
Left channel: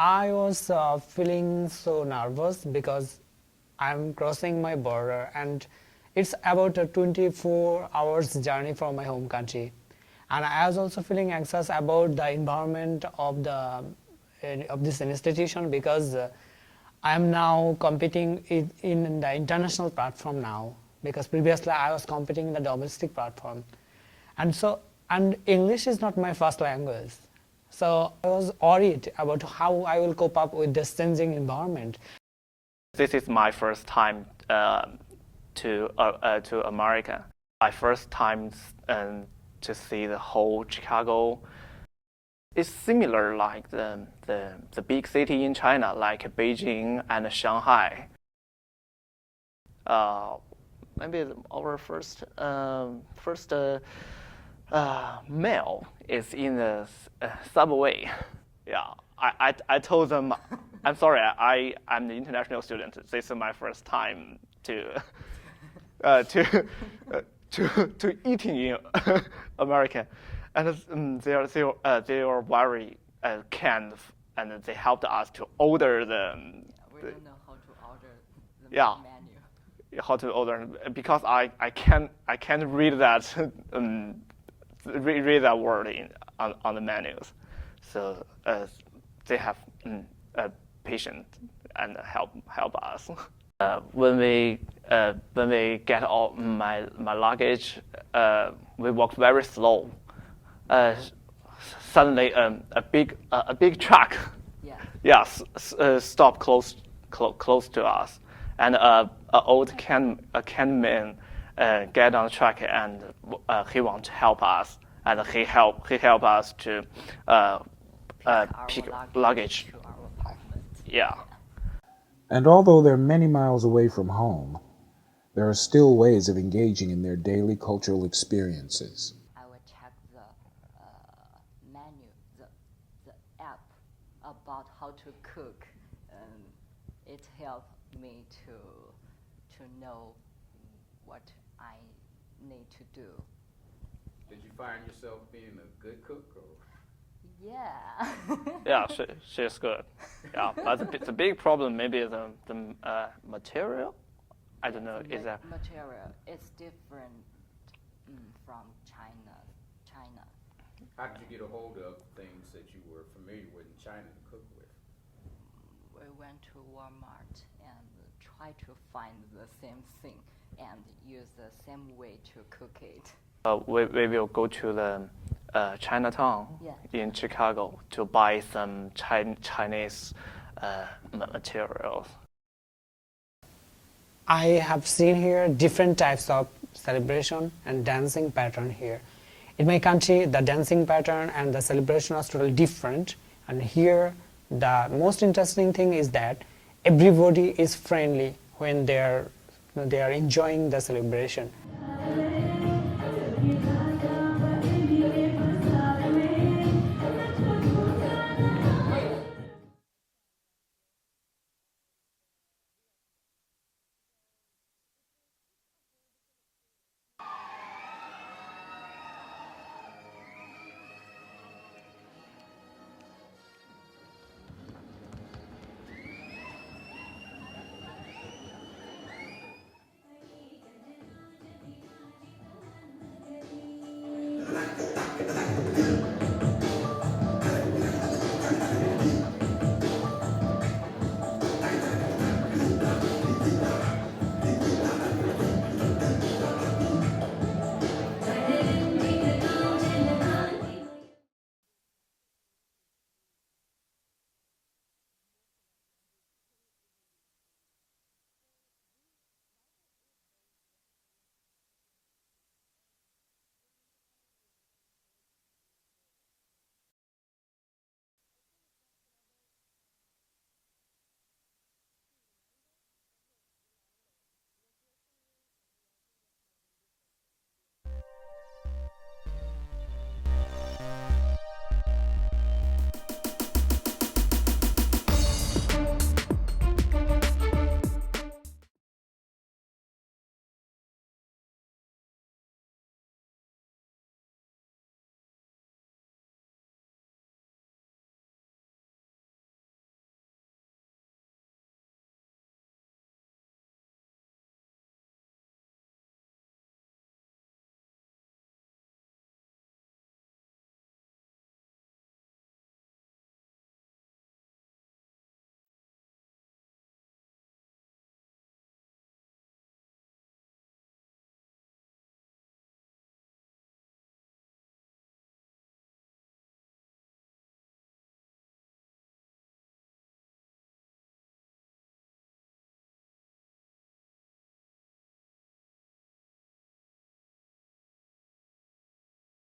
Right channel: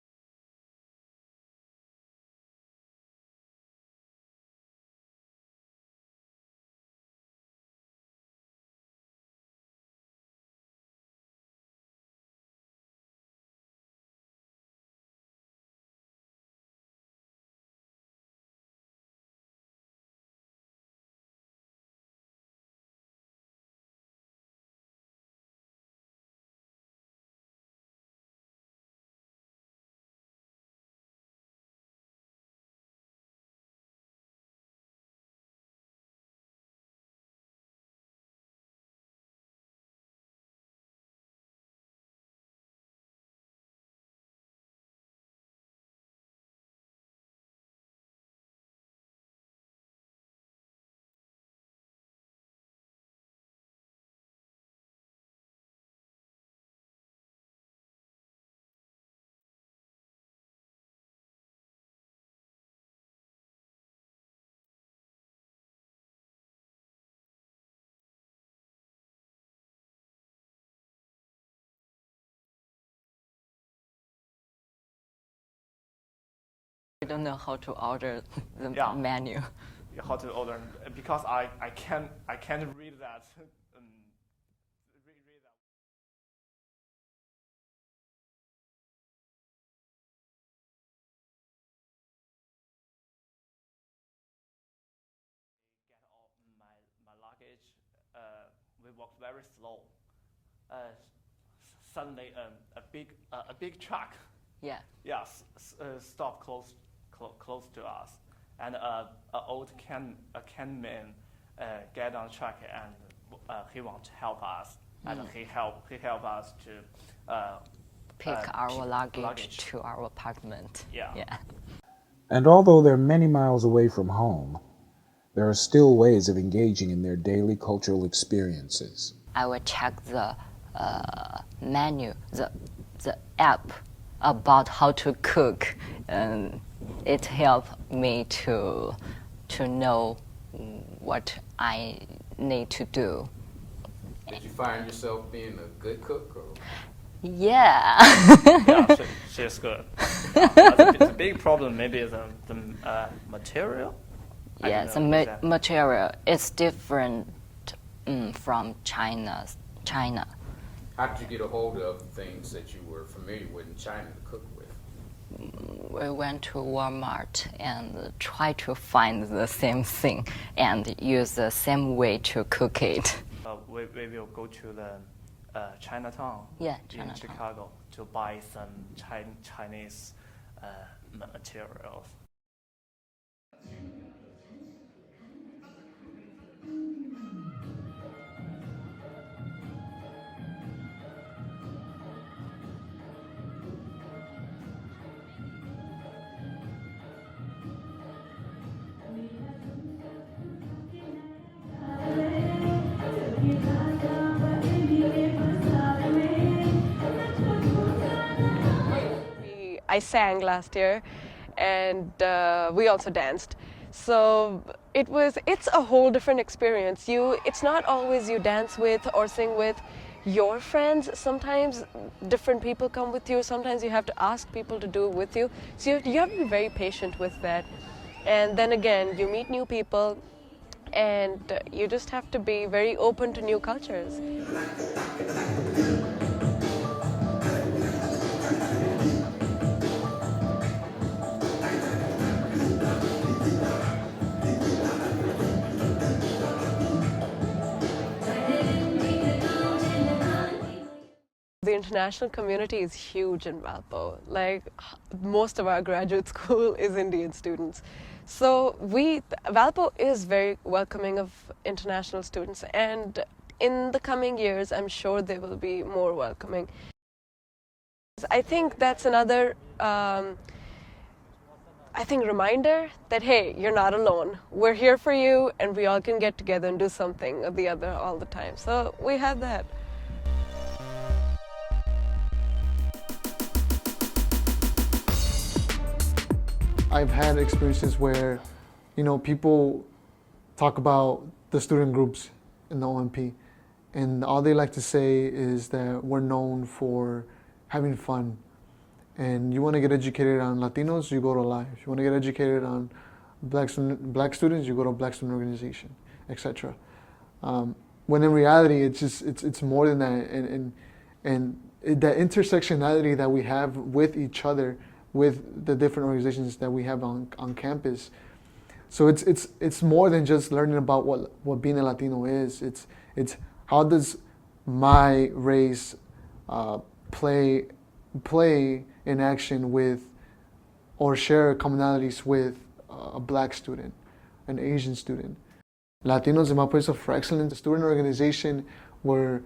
I was feeling so nervous because I'm crossing my border and it's about a 24 hours journey from my home country. And I was also feeling anxious about the environment of this institution because I am now competing in the international platform now, because previously I was competing in the domestic platform. And English is not my first language. So I was worried about how I will cope up with this changing environment. This is my first time to America. My first time to see the whole Chicago. It's similar like the big city in China, like Beijing and Shanghai. Maybe our first meal is in the subway. Yeah, I told them, I'm sorry, I'm the international student. This is my first time to eating in America, and they are very kind, and they helped us to order the. We don't know how to order the menu. How to order, because I can't read that read that word on the menus, so they have patient and help us. When we get all my luggage, we walk very slow. Suddenly, a big truck, stop close to us, and an old can man get on the truck, and he want to help us, and he help us to pick our luggage to our apartment. Yeah. And although they're many miles away from home, there are still ways of engaging in their daily cultural experiences. I will check the menu, the app about how to cook, and it helped me to know what I need to do. Did you find yourself being a good cook? Or? Yeah. Yeah, she's good. Yeah, the big problem maybe is the material. Yes, the material is different from China. How did you get a hold of things that you were familiar with in China to cook with? We went to Walmart and tried to find the same thing and use the same way to cook it. We will go to the Chinatown in Chicago to buy some Chinese materials. I have seen here different types of celebration and dancing pattern here. In my country, the dancing pattern and the celebration are totally different, and here the most interesting thing is that everybody is friendly when they are enjoying the celebration. I sang last year, and we also danced. So it's a whole different experience. It's not always you dance with or sing with your friends. Sometimes different people come with you. Sometimes you have to ask people to do it with you. So you have to be very patient with that. And then again, you meet new people, and you just have to be very open to new cultures. The international community is huge in Valpo. Like, most of our graduate school is Indian students. So Valpo is very welcoming of international students, and in the coming years, I'm sure they will be more welcoming. I think that's another reminder that, hey, you're not alone. We're here for you, and we all can get together and do something or the other all the time. So we have that. I've had experiences where, people talk about the student groups in the OMP, and all they like to say is that we're known for having fun. And you want to get educated on Latinos, you go to Live. You want to get educated on black students, you go to Black Student Organization, etc. When in reality, it's more than that, and that intersectionality that we have with each other, with the different organizations that we have on campus. So it's more than just learning about what being a Latino is. It's how does my race play in action with, or share commonalities with, a Black student, an Asian student. Latinos in Valparaiso for Excellence, a student organization where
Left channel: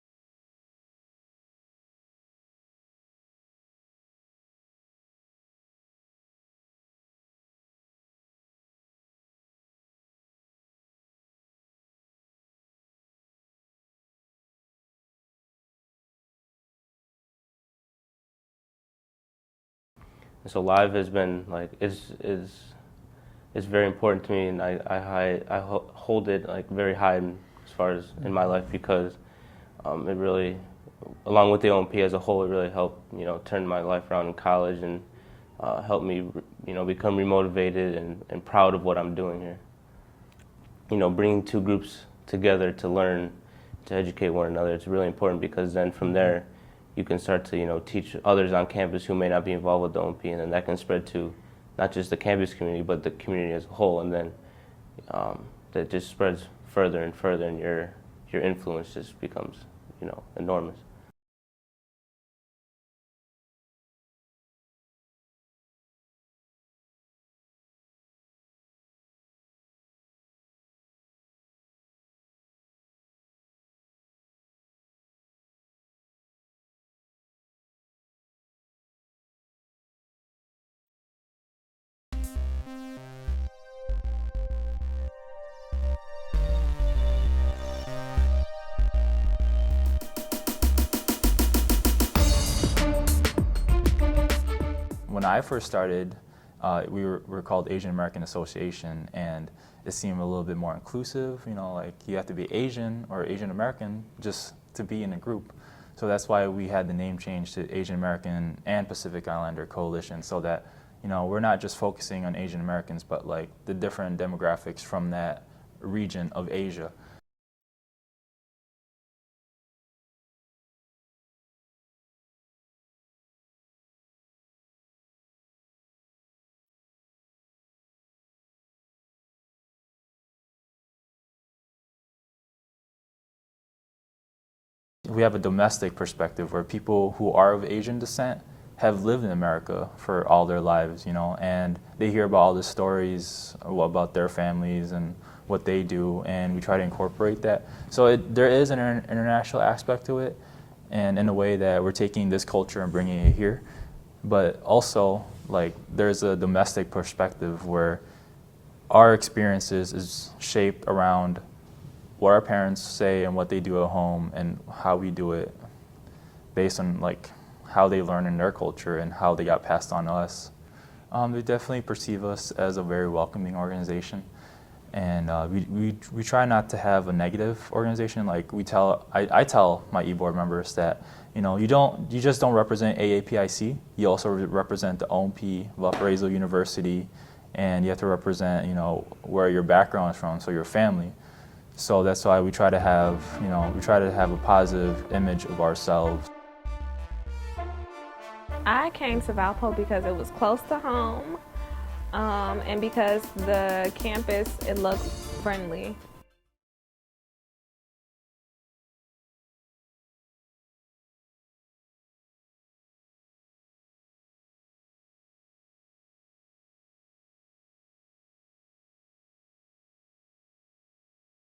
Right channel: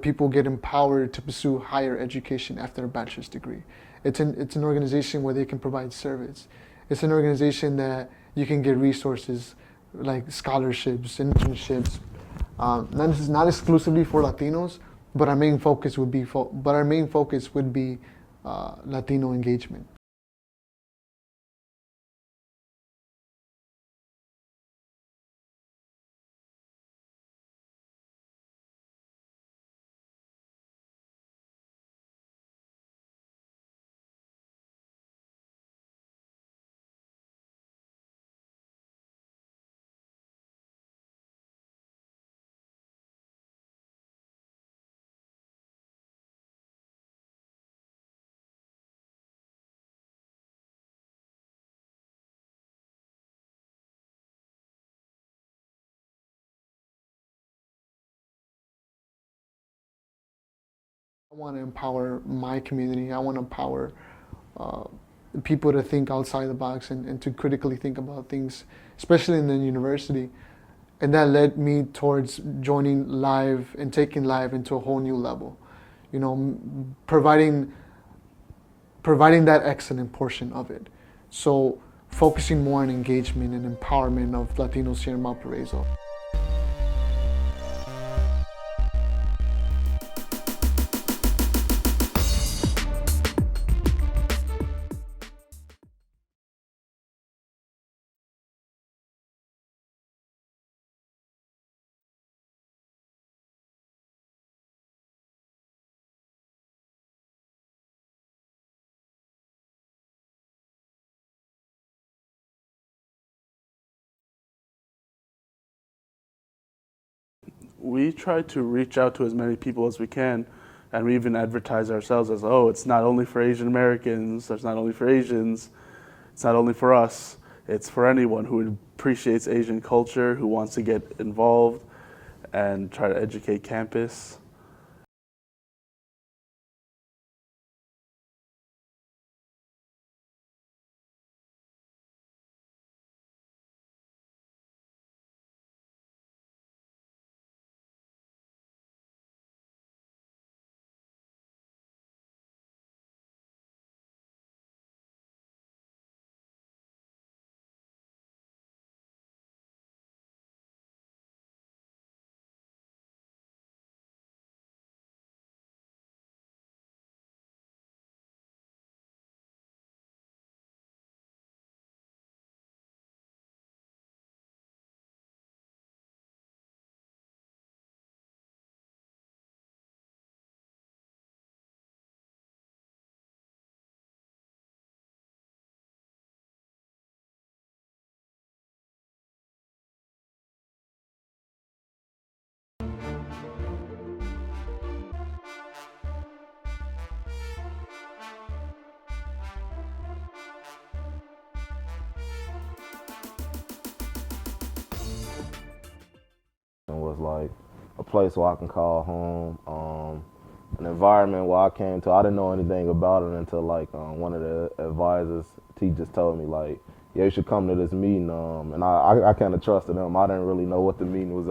people get empowered to pursue higher education after a bachelor's degree. It's an organization where they can provide service. It's an organization that you can get resources like scholarships, internships. Not exclusively for Latinos, but our main focus would be Latino engagement. So Live has been like it's very important to me, and I hold it like very high as far as in my life, because it really, along with the OMP as a whole, it really helped turn my life around in college and helped me become remotivated and proud of what I'm doing here. Bringing two groups together to learn, to educate one another, it's really important, because then from there you can start to teach others on campus who may not be involved with the OMP, and then that can spread to not just the campus community but the community as a whole, and then that just spreads further and further, and your influence just becomes enormous. I want to empower my community. I want to empower people to think outside the box and to critically think about things, especially in the university. And that led me towards joining Live and taking Live into a whole new level. Providing that excellent portion of it. So focusing more on engagement and empowerment of Latinos here in Valparaiso. When I first started, we were called Asian American Association, and it seemed a little bit more inclusive. Like you have to be Asian or Asian American just to be in a group. So that's why we had the name change to Asian American and Pacific Islander Coalition, so that we're not just focusing on Asian Americans, but like the different demographics from that region of Asia. We try to reach out to as many people as we can, and we even advertise ourselves as, oh, it's not only for Asian Americans, it's not only for Asians, it's not only for us, it's for anyone who appreciates Asian culture, who wants to get involved and try to educate campus. We have a domestic perspective where people who are of Asian descent have lived in America for all their lives, and they hear about all the stories about their families and what they do, and we try to incorporate that. So there is an international aspect to it, and in a way that we're taking this culture and bringing it here, but also like there's a domestic perspective where our experiences is shaped around what our parents say and what they do at home, and how we do it based on like how they learn in their culture and how they got passed on to us. They definitely perceive us as a very welcoming organization, and we try not to have a negative organization. Like I tell my e-board members that you just don't represent AAPIC, you also represent the OMP, Valparaiso University, and you have to represent where your background is from, so your family. So that's why we try to have a positive image of ourselves. I came to Valpo because it was close to home, and because the campus, it looked friendly. It was like a place where I can call home, an environment where I came to. I didn't know anything about it until like one of the advisors, teachers told me like, yeah, you should come to this meeting, and I kind of trusted him. I didn't really know what the meeting was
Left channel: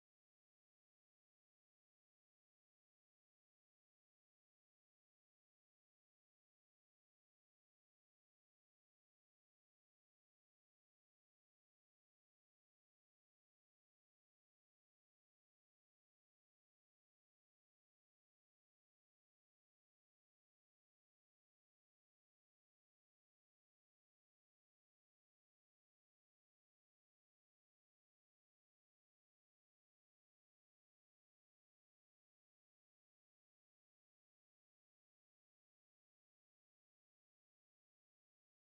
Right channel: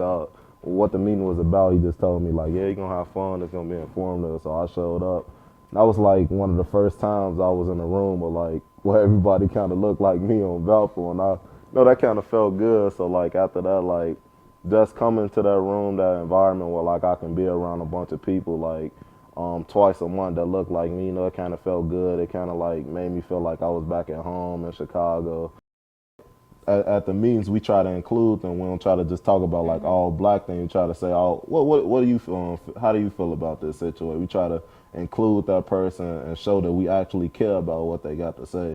about. He just told me like, yeah, you're gonna have fun, it's gonna be informative. So I showed up. That was like one of the first times I was in a room where everybody kind of looked like me on Valpo, and I know that kind of felt good. So like after that, like just coming to that room, that environment where like I can be around a bunch of people like twice a month that looked like me, it kind of felt good. It kind of like made me feel like I was back at home in Chicago. at the meetings we try to include them. We don't try to just talk about like all black things. We try to say, oh, what do you feel? How do you feel about this situation? We try to include that person and show that we actually care about what they got to say.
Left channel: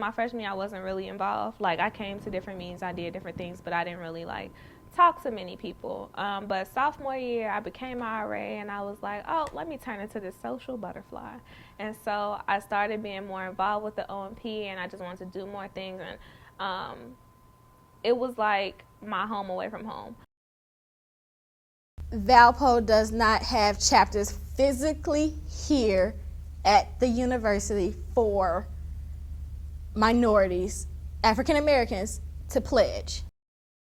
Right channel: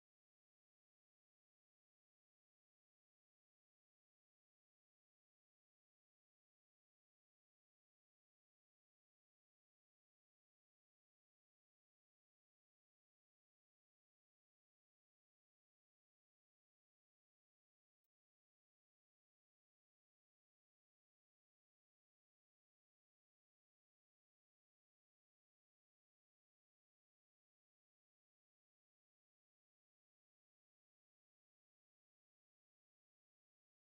My freshman year, I wasn't really involved. Like, I came to different meetings, I did different things, but I didn't really like talk to many people. But sophomore year, I became an RA, and I was like, oh, let me turn into this social butterfly. And so I started being more involved with the OMP, and I just wanted to do more things. And it was like my home away from home. Valpo does not have chapters physically here at the university for minorities, African Americans, to pledge.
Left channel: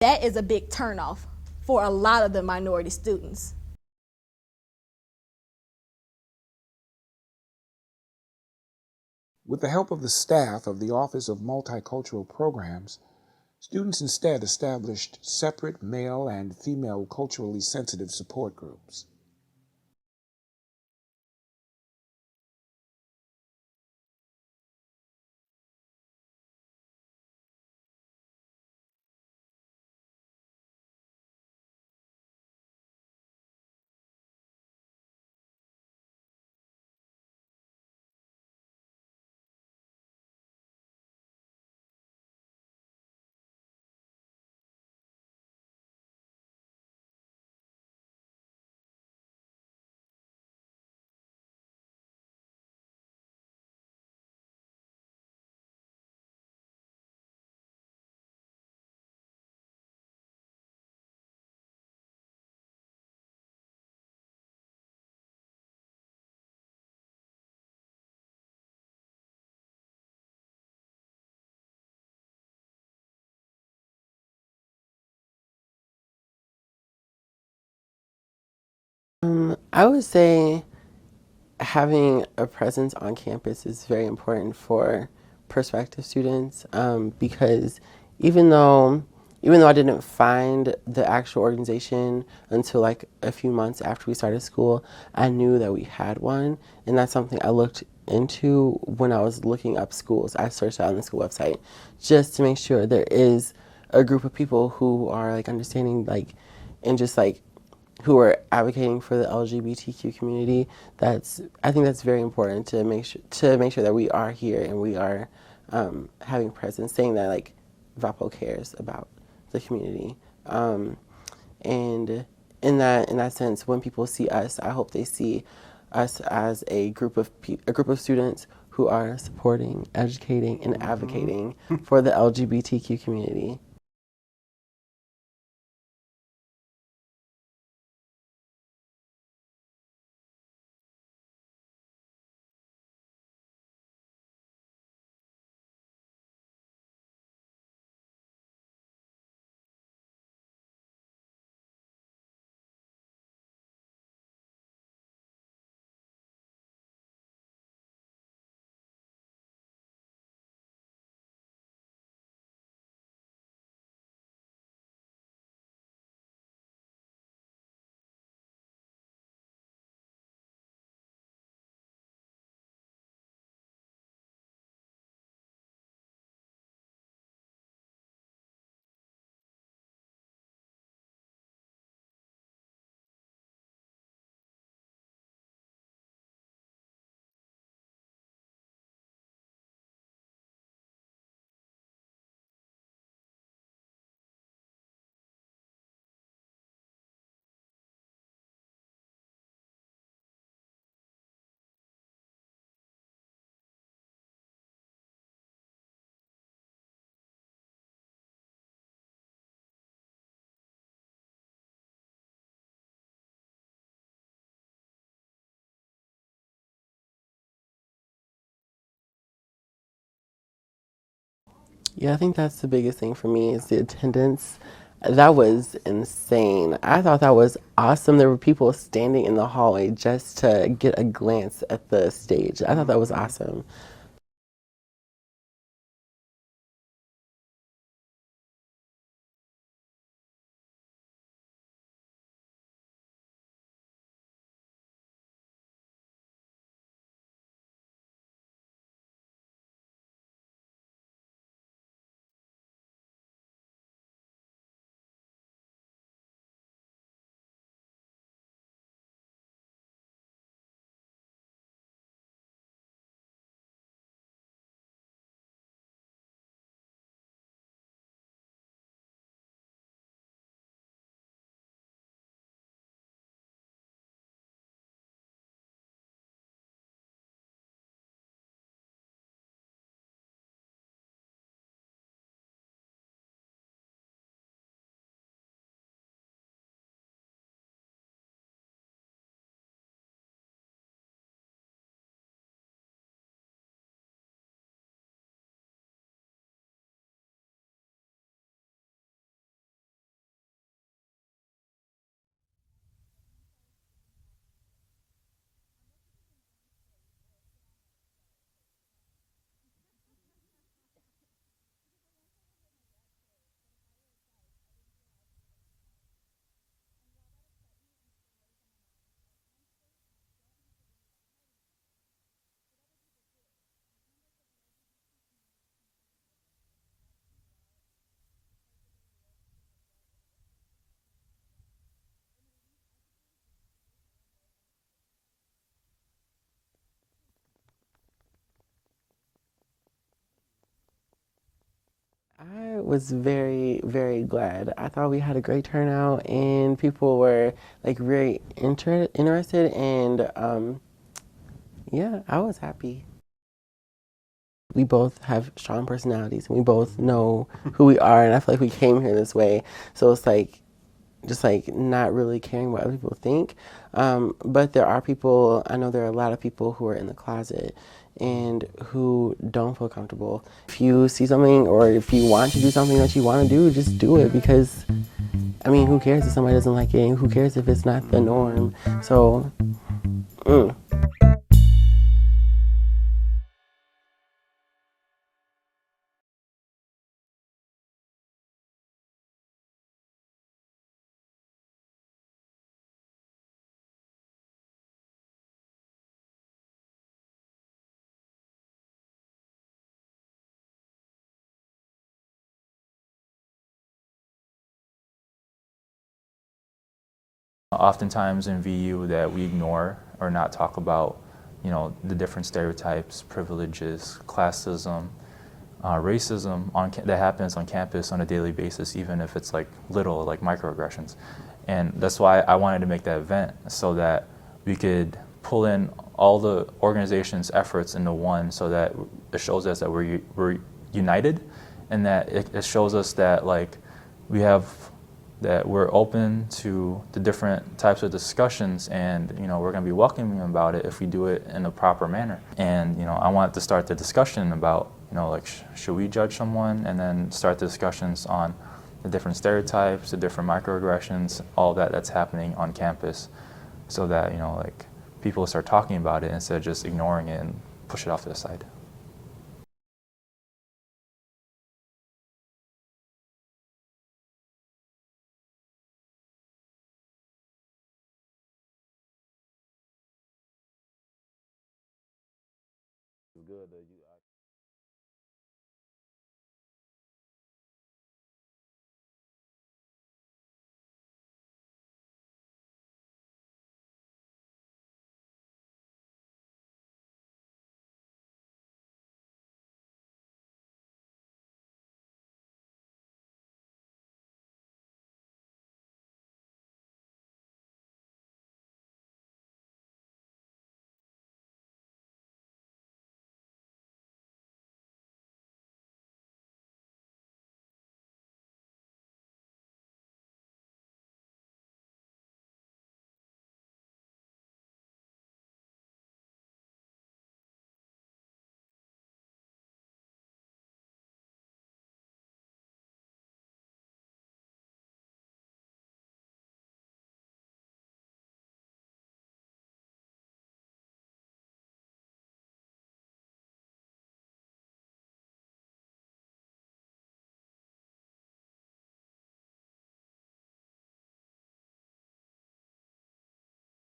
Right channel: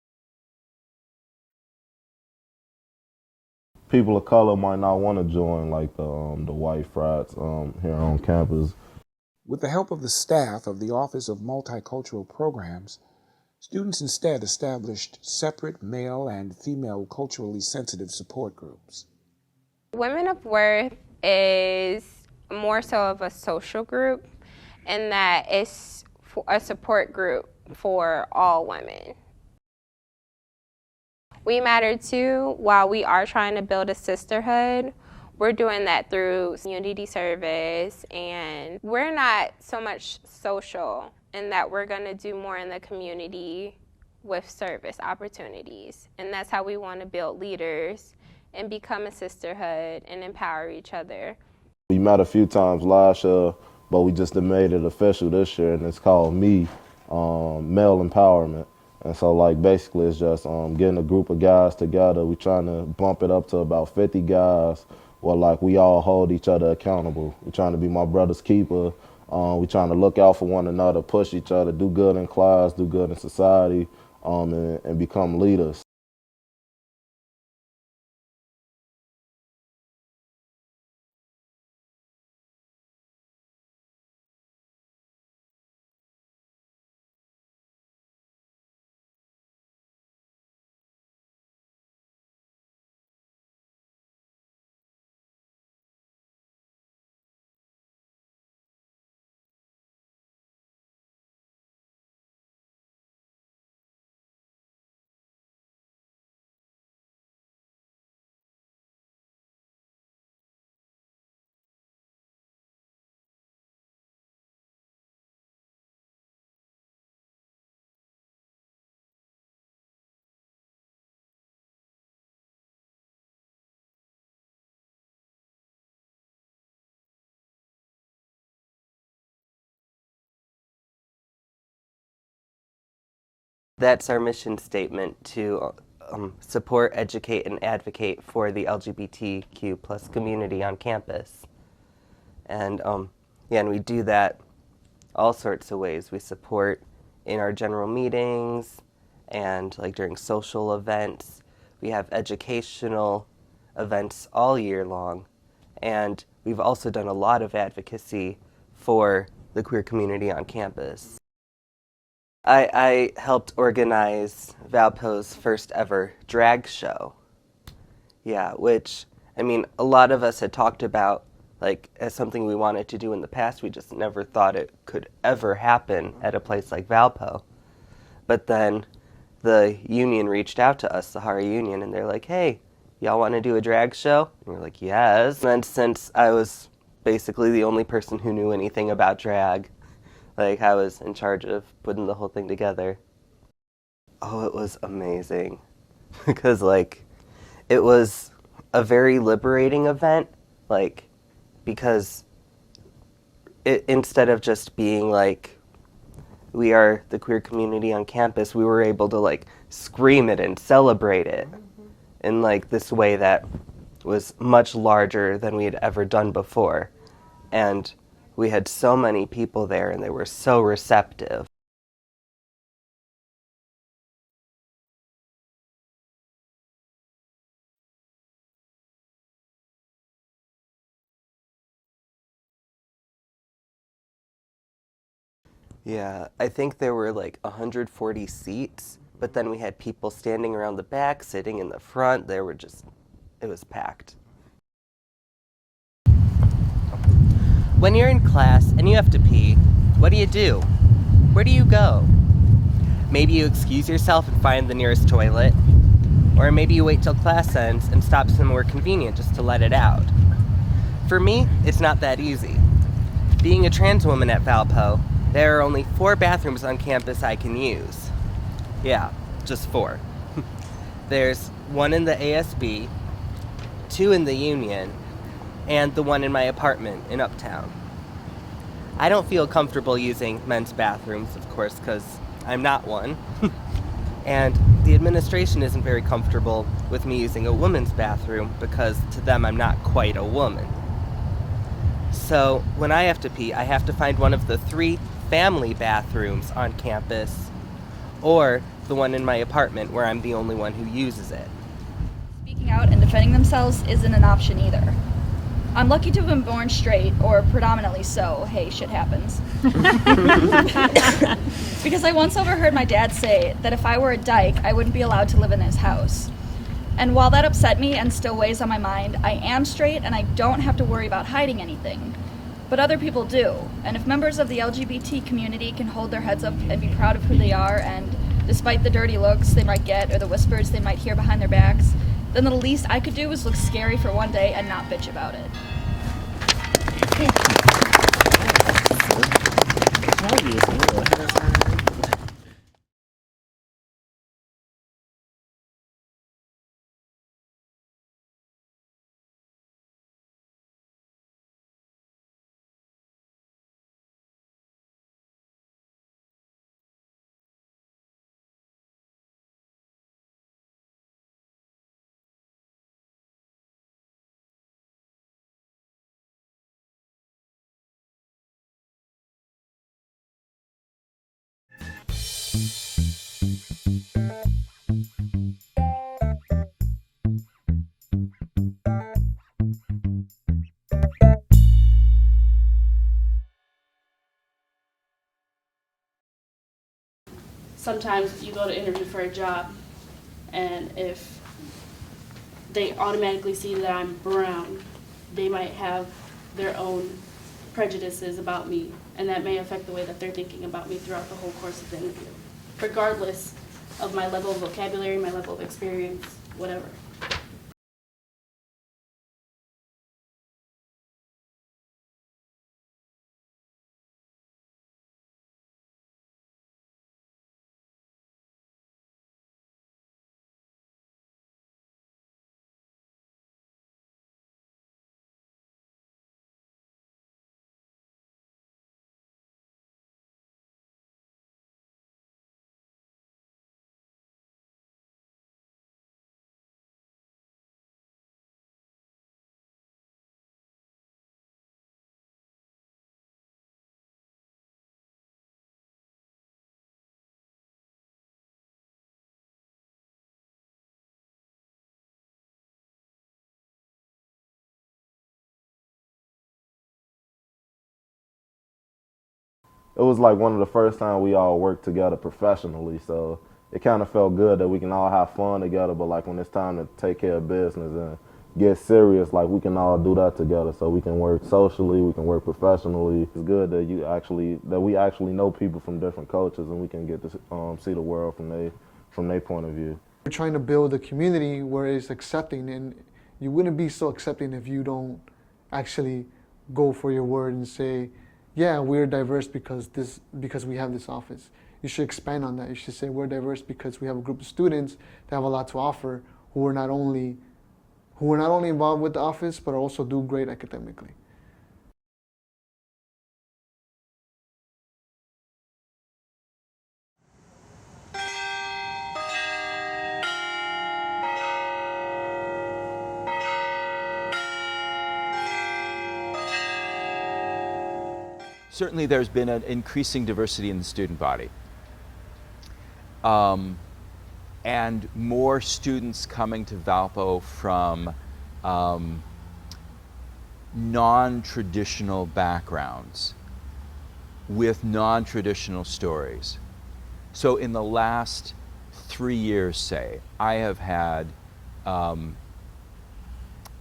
That is a big turnoff for a lot of the minority students. People of color might not want to join like the white frats here on campus. With the help of the staff of the Office of Multicultural Programs, students instead established separate male and female culturally sensitive support groups. Women of Worth is more so of a social group, in that it's a support group for all women. We Matter Too, while we are trying to build a sisterhood, we're doing that through community service, and we're not so much social in that we're going to do more in the community with service opportunities. And that's how we want to build leaders and become a sisterhood and empower each other. We met a few times last year, but we just made it official this year, and it's called Male Empowerment. And so like basically it's just getting a group of guys together. We're trying to bump it up to about 50 guys where like we all hold each other accountable. We're trying to be my brother's keeper. We're trying to look out for one another, push each other, do good in class, do good in society, and become leaders. I would say having a presence on campus is very important for prospective students because even though I didn't find the actual organization until like a few months after we started school, I knew that we had one, and that's something I looked into when I was looking up schools. I searched out on the school website just to make sure there is a group of people who are like understanding like and just like who are advocating for the LGBTQ community. I think that's very important to make sure that we are here and we are having presence, saying that like Valpo cares about the community. And in that sense, when people see us, I hope they see us as a group of students who are supporting, educating, and advocating for the LGBTQ community. That's our mission statement, to support, educate, and advocate for the LGBTQ plus community on campus. And and we do that all sorts of ways. We support in our general meetings and like during social events. We have educational events all year long. And we've also done a lot of advocacy for the queer community on campus. I helped organize Valpo's first ever drag show. Yeah, which, I mean, a lot of us had talked about like as something we wanted to do in the past. We just never thought it could ever happen at a place like Valpo. But then the union reached out to us, the Sahara Union, and they're like, hey, y'all want to do a drag show? And we're like, yes. And then since I was basically the only person who knew anything about drag, like I was in charge of putting the whole thing together. Oh, it was amazing. Because like, it was a very liberating event, like, because it, instead of just being like, we are the queer community on campus, we were able to like scream it and celebrate it in like this way that was much larger than we had ever done before. And we had so many people there and they were so receptive. Yeah, I think that's the biggest thing for me is the attendance. That was insane. I thought that was awesome. There were people standing in the hallway just to get a glance at the stage. I thought that was awesome. Yeah, I think there were like 140 seats, but then we had people standing around the back, sitting in the front. It was packed. When you're in class and you have to pee, what do you do? Where do you go? Maybe you excuse yourself and find the nearest toilet, or maybe you wait till class ends and stop somewhere convenient just to let it out. For me, it's not that easy. Being a trans woman at Valpo, there are only 4 bathrooms on campus I can use. Yeah, just 4. There's one in the ASB, 2 in the Union, and the one in my apartment in Uptown. I don't feel comfortable using men's bathrooms, of course, because I'm not one. And the administration isn't very comfortable with me using a woman's bathroom because to them I'm not quite a woman. So when I have to pee, I have to find one of the 3 family bathrooms on campus, or the one in my apartment where I'm the only one who uses it. Speaking out and defending themselves isn't an option either. I'm lucky to have been born straight, or predominantly so. Hey, shit happens. Because I once overheard my dad say that if I were a dyke, I wouldn't be allowed to live in his house. And while that upset me and still weighs on my mind, I am straight and I don't have to worry about hiding anything. But other people do. And if members of the LGBT community can hold their heads up and be proud of who they are, and despite the dirty looks they might get or the whispers they might hear behind their backs, then the least I could do is look scary for one day and not bitch about it. I was very, very glad. I thought we had a great turnout and people were like very interested and yeah, I was happy. We both have strong personalities and we both know who we are, and I feel like we came here this way. So it's like, just like not really caring what other people think. But there are people, I know there are a lot of people who are in the closet and who don't feel comfortable. If you see something or if you want to do something that you want to do, just do it, because, I mean, who cares if somebody doesn't like it? And who cares if it's not the norm? So, Sometimes you go to interview for a job, and if they automatically see that I'm brown, they might have their own prejudices about me, and that may affect the way that they're thinking about me throughout the whole course of the interview, regardless of my level of vocabulary, my level of experience, whatever. Oftentimes in VU that we ignore or not talk about, you know, the different stereotypes, privileges, classism, racism that happens on campus on a daily basis, even if it's like little, like microaggressions. And that's why I wanted to make that event, so that we could pull in all the organization's efforts into one, so that it shows us that we're united, and that it shows us that like that we're open to the different types of discussions, and you know, we're going to be welcoming about it if we do it in a proper manner. And you know, I wanted to start the discussion about, you know, like should we judge someone, and then start the discussions on the different stereotypes, the different microaggressions, all that's happening on campus, so that, you know, like people start talking about it instead of just ignoring it and push it off to the side. It was like one of the first times we all worked together professionally, so it kind of felt good that we can all have fun together, but like when it's time to take care of business and get serious, like we can all do that together, so we can work socially, we can work professionally. It's good that we actually know people from different cultures, and we can get to see the world from their point of view. We're trying to build a community where it's accepting, and you wouldn't be so accepting if you don't actually go for your word and say, yeah, we're diverse because we have this office. You should expand on that. You should say we're diverse because we have a group of students that have a lot to offer, who are not only involved with the office, but also do great academically. Certainly there's been an increasing diversity in the student body. And more students coming to Valpo from non-traditional backgrounds with non-traditional stories. So in the last 3 years, say, I have had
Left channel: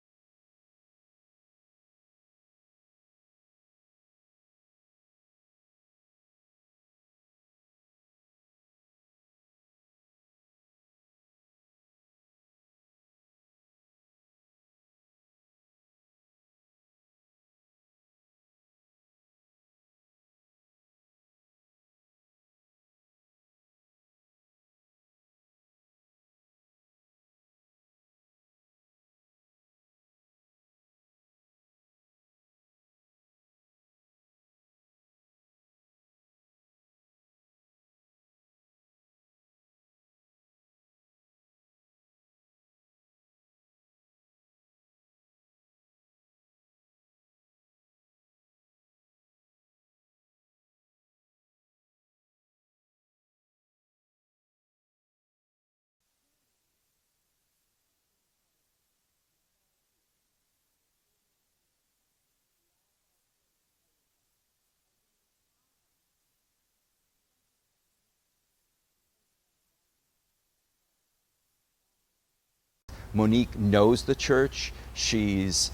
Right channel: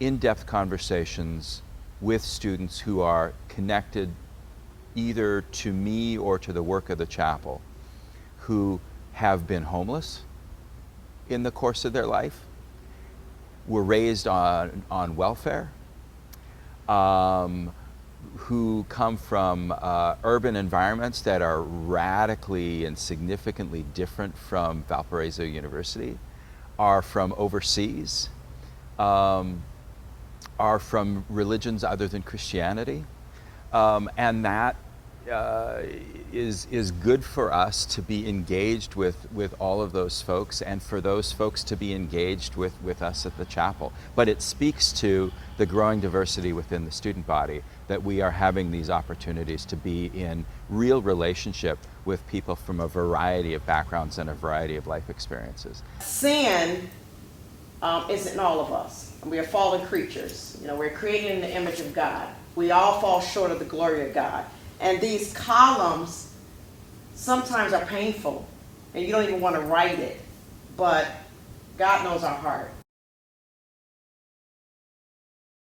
in-depth conversations with students who are connected either to me or to the work of the chapel, who have been homeless in the course of their life, were raised on welfare, who come from urban environments that are radically and significantly different from Valparaiso University, are from overseas, are from religions other than Christianity, and that is good for us to be engaged with all of those folks, and for those folks to be engaged with us at the chapel. But it speaks to the growing diversity within the student body, that we are having these opportunities to be in real relationship with people from a variety of backgrounds and a variety of life experiences. Sin is in all of us. We are fallen creatures. You know, we're created in the image of God. We all fall short of the glory of God. And these columns sometimes are painful, and you don't even want to write it, but God knows our heart. Monique knows the church. She's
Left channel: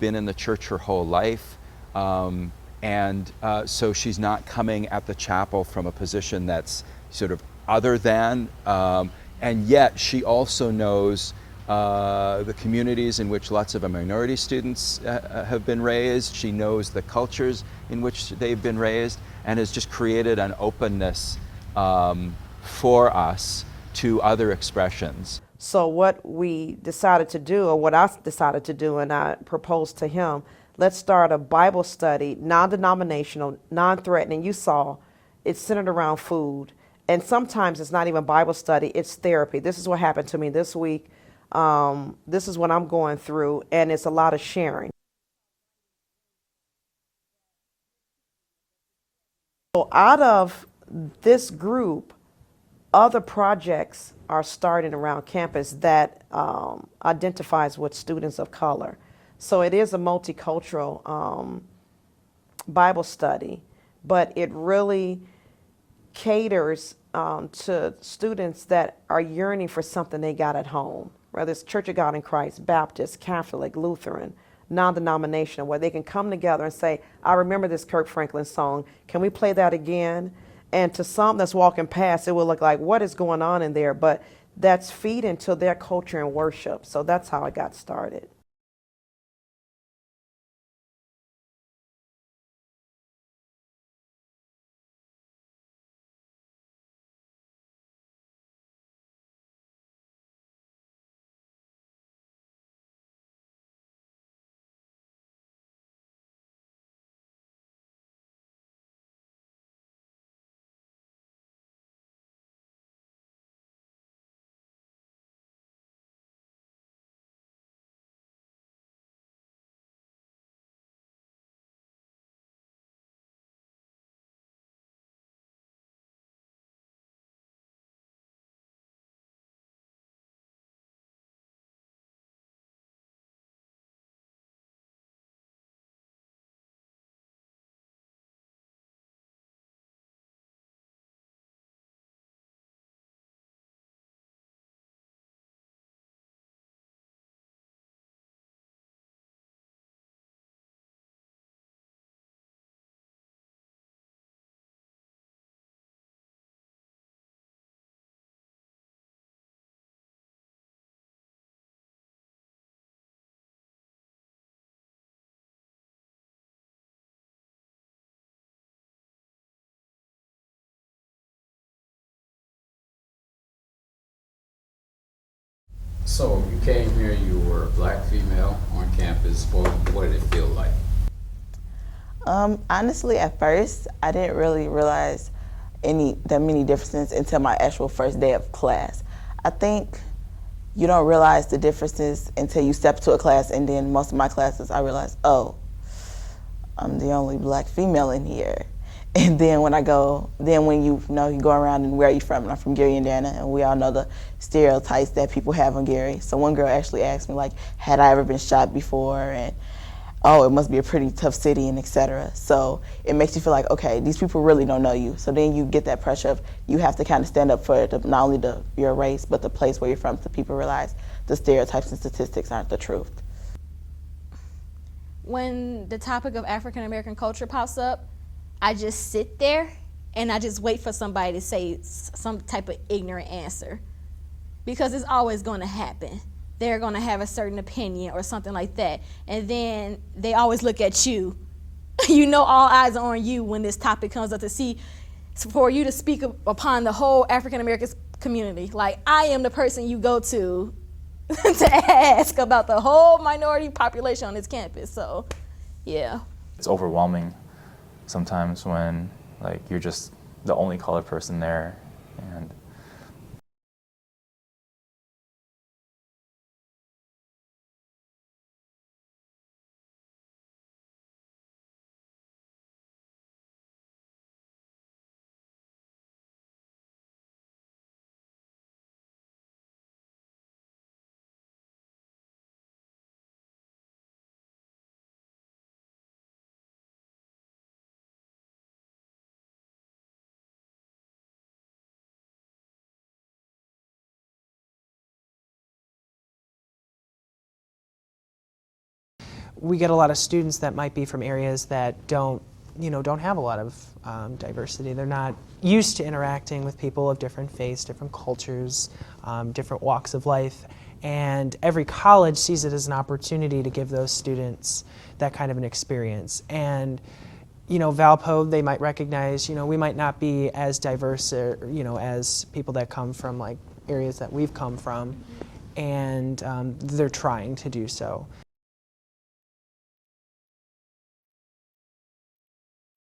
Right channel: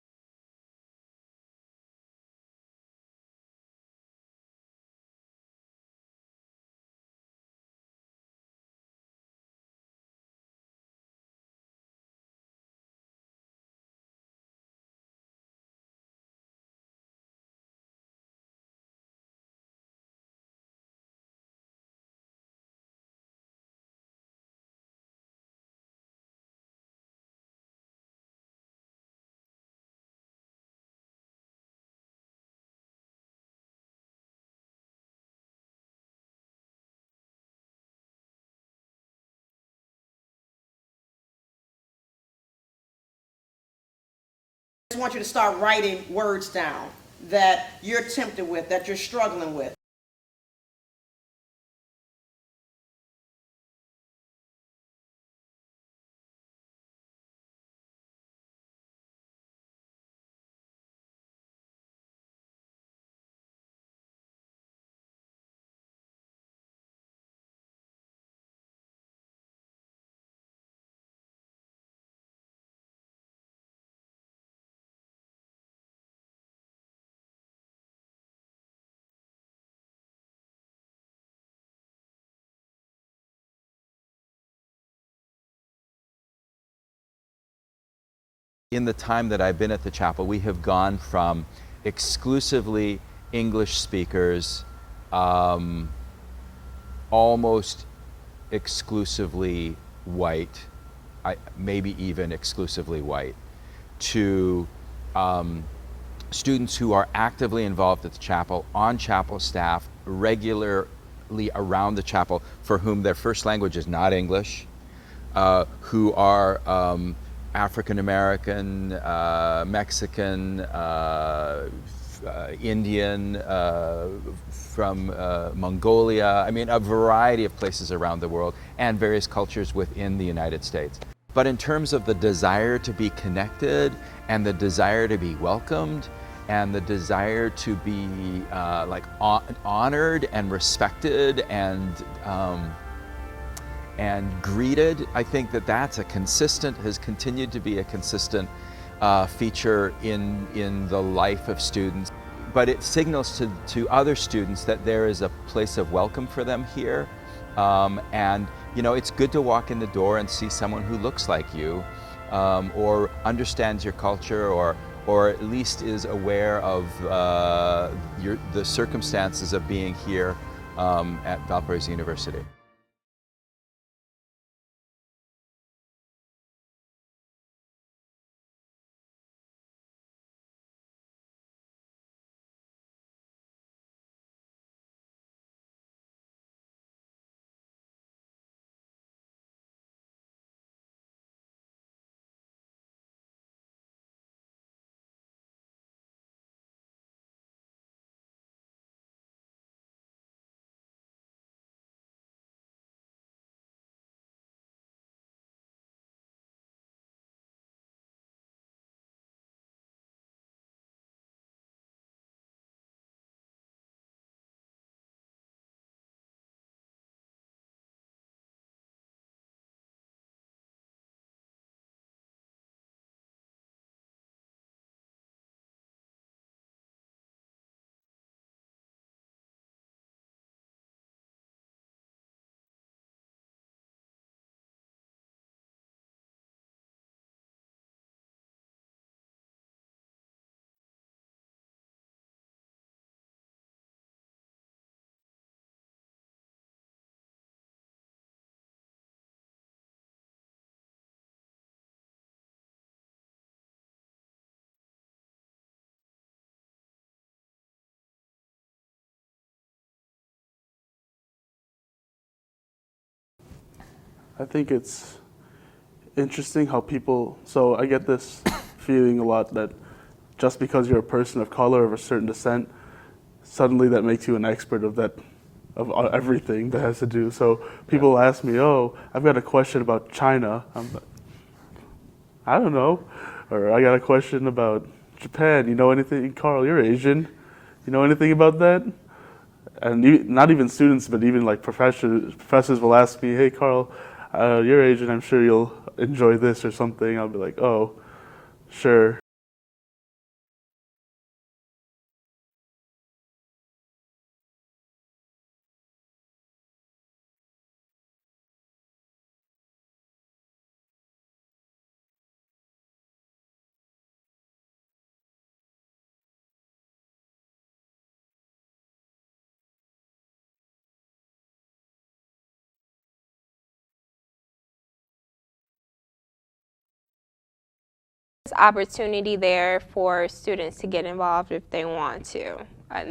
been in the church her whole life, and so she's not coming at the chapel from a position that's sort of other than, and yet she also knows the communities in which lots of minority students have been raised. She knows the cultures in which they've been raised, and has just created an openness for us to other expressions. So what we decided to do, or what I decided to do, and I proposed to him, let's start a Bible study, non-denominational, non-threatening. You saw it's centered around food. And sometimes it's not even Bible study, it's therapy. This is what happened to me this week. This is what I'm going through, and it's a lot of sharing. I want you to start writing words down that you're tempted with, that you're struggling with. So out of this group, other projects are starting around campus that identifies with students of color. So it is a multicultural Bible study, but it really caters to students that are yearning for something they got at home, whether it's Church of God in Christ, Baptist, Catholic, Lutheran, non-denominational, where they can come together and say, I remember this Kirk Franklin song, can we play that again? And to some that's walking past, it will look like, what is going on in there? But that's feeding to their culture and worship. So that's how I got started. In the time that I've been at the chapel, we have gone from exclusively English speakers, almost exclusively white, maybe even exclusively white, to students who are actively involved at the chapel, on chapel staff, regularly around the chapel, for whom their first language is not English, who are African American, Mexican, Indian, from Mongolia, I mean a variety of places around the world, and various cultures within the United States. But in terms of the desire to be connected, and the desire to be welcomed, and the desire to be honored and respected and greeted, I think that that's has continued to be a consistent feature in the life of students. But it signals to other students that there is a place of welcome for them here. And you know, it's good to walk in the door and see someone who looks like you, or understands your culture, or at least is aware of the circumstances of being here at Valparaiso University. So you came here, you were a black female on campus. What did it feel like? Honestly, at first, I didn't really realize that many differences until my actual first day of class. I think you don't realize the differences until you step to a class, and then most of my classes, I realized, oh, I'm the only black female in here. And then when you go around and where are you from? And I'm from Gary, Indiana, and we all know the stereotypes that people have on Gary. So one girl actually asked me, like, had I ever been shot before? And oh, it must be a pretty tough city, and etc. So it makes you feel like, okay, these people really don't know you. So then you get that pressure of you have to kind of stand up for not only your race, but the place where you're from, so people realize the stereotypes and statistics aren't the truth. When the topic of African American culture pops up, I just sit there and I just wait for somebody to say some type of ignorant answer, because it's always going to happen. They're going to have a certain opinion or something like that, and then they always look at you. You know, all eyes are on you when this topic comes up, to see, for you to speak upon the whole African American community. Like, I am the person you go to to ask about the whole minority population on this campus. So, yeah. It's overwhelming sometimes when like you're just the only colored person there. And I think it's interesting how people, so I get this feeling a lot that just because you're a person of color of a certain descent, suddenly that makes you an expert of everything that has to do. So people ask me, oh, I've got a question about China. I'm like, I don't know. Or I got a question about Japan. You know anything? Carl, you're Asian. You know anything about that? And not even students, but even like professors will ask me, hey, Carl, you're Asian. I'm sure you'll enjoy this or something. I'll be like, oh, sure. We get a lot of students that might be from areas that don't have a lot of diversity. They're not used to interacting with people of different faiths, different cultures, different walks of life. And every college sees it as an opportunity to give those students that kind of an experience. And Valpo, they might recognize, we might not be as diverse, as people that come from like areas that we've come from, and they're trying to do so. There's opportunity there for students to get involved if they want to.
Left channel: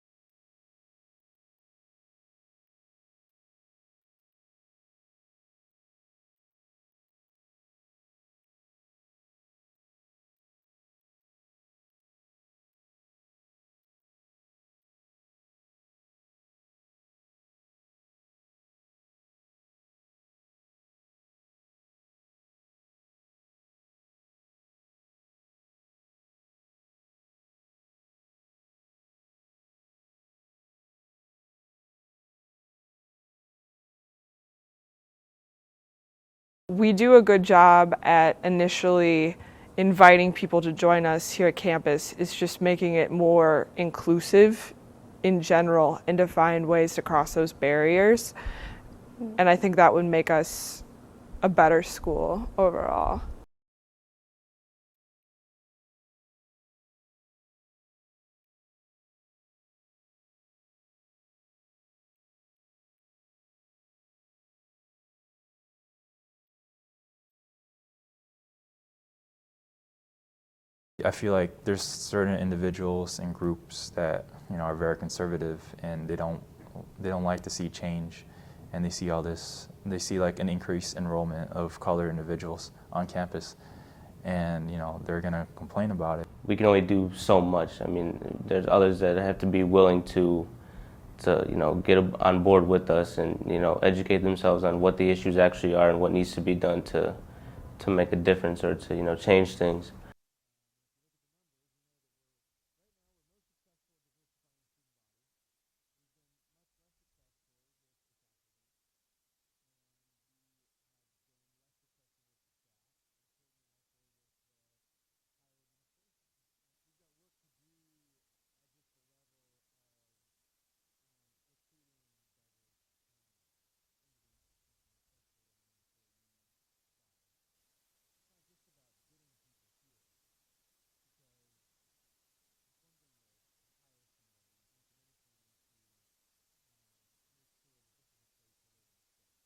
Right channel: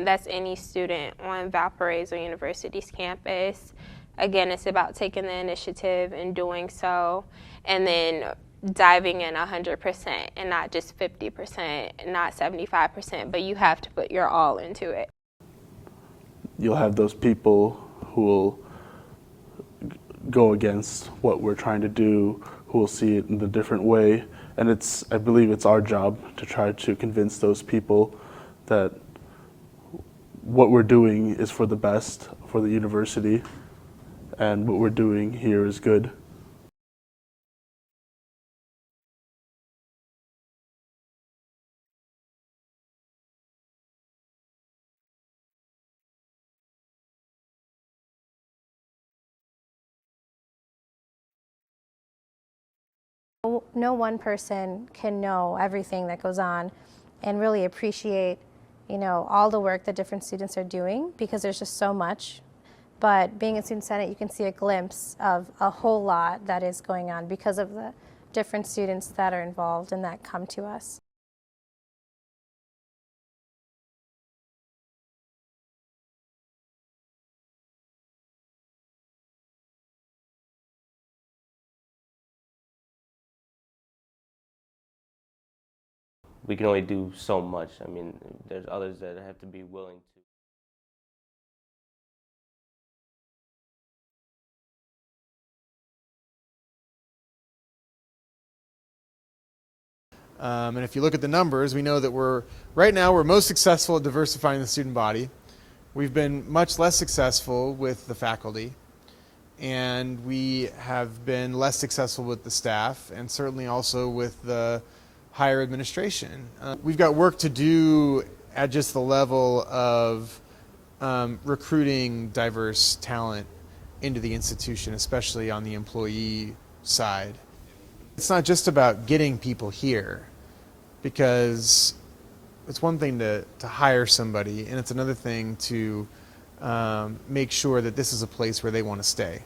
That's any student on Valparaiso University's campus. Again, it's about taking the initiative and doing so, and then diving in 100% and not just 50%, not 75%, but you have to put your all into it. You'll have those people who will go against what we're trying to do, who will see it in the different way, and I believe it's our job to try to convince those people that what we're doing is for the best for the university, and what we're doing here is good. We do a good job at initially inviting people to join us here at campus. It's just making it more inclusive in general and to find ways to cross those barriers. And I think that would make us a better school overall. No one person can know everything that goes on and really appreciate, all the work that different students are doing, because there's just so much. But being in Student Senate, you can see a glimpse of a whole lot that is going on because of the different students that are involved and that come to us. I feel like there's certain individuals and groups that are very conservative, and they don't like to see change, and they see all this. They see like an increased enrollment of colored individuals on campus, and they're gonna complain about it. We can only do so much. I mean, there's others that have to be willing to get on board with us and educate themselves on what the issues actually are and what needs to be done to make a difference or to change things. And if you look at the numbers, we know that right now we're most successful at diversifying the student body. We've been much less successful with the faculty, and we have been less successful with the staff, and certainly also with the higher administration. We've got work to do at just the level of recruiting diverse talent into the institution, especially on the employee side. It's not just about getting people here, because it's one thing to hire somebody, and it's another thing to make sure that this is a place where they want to stay.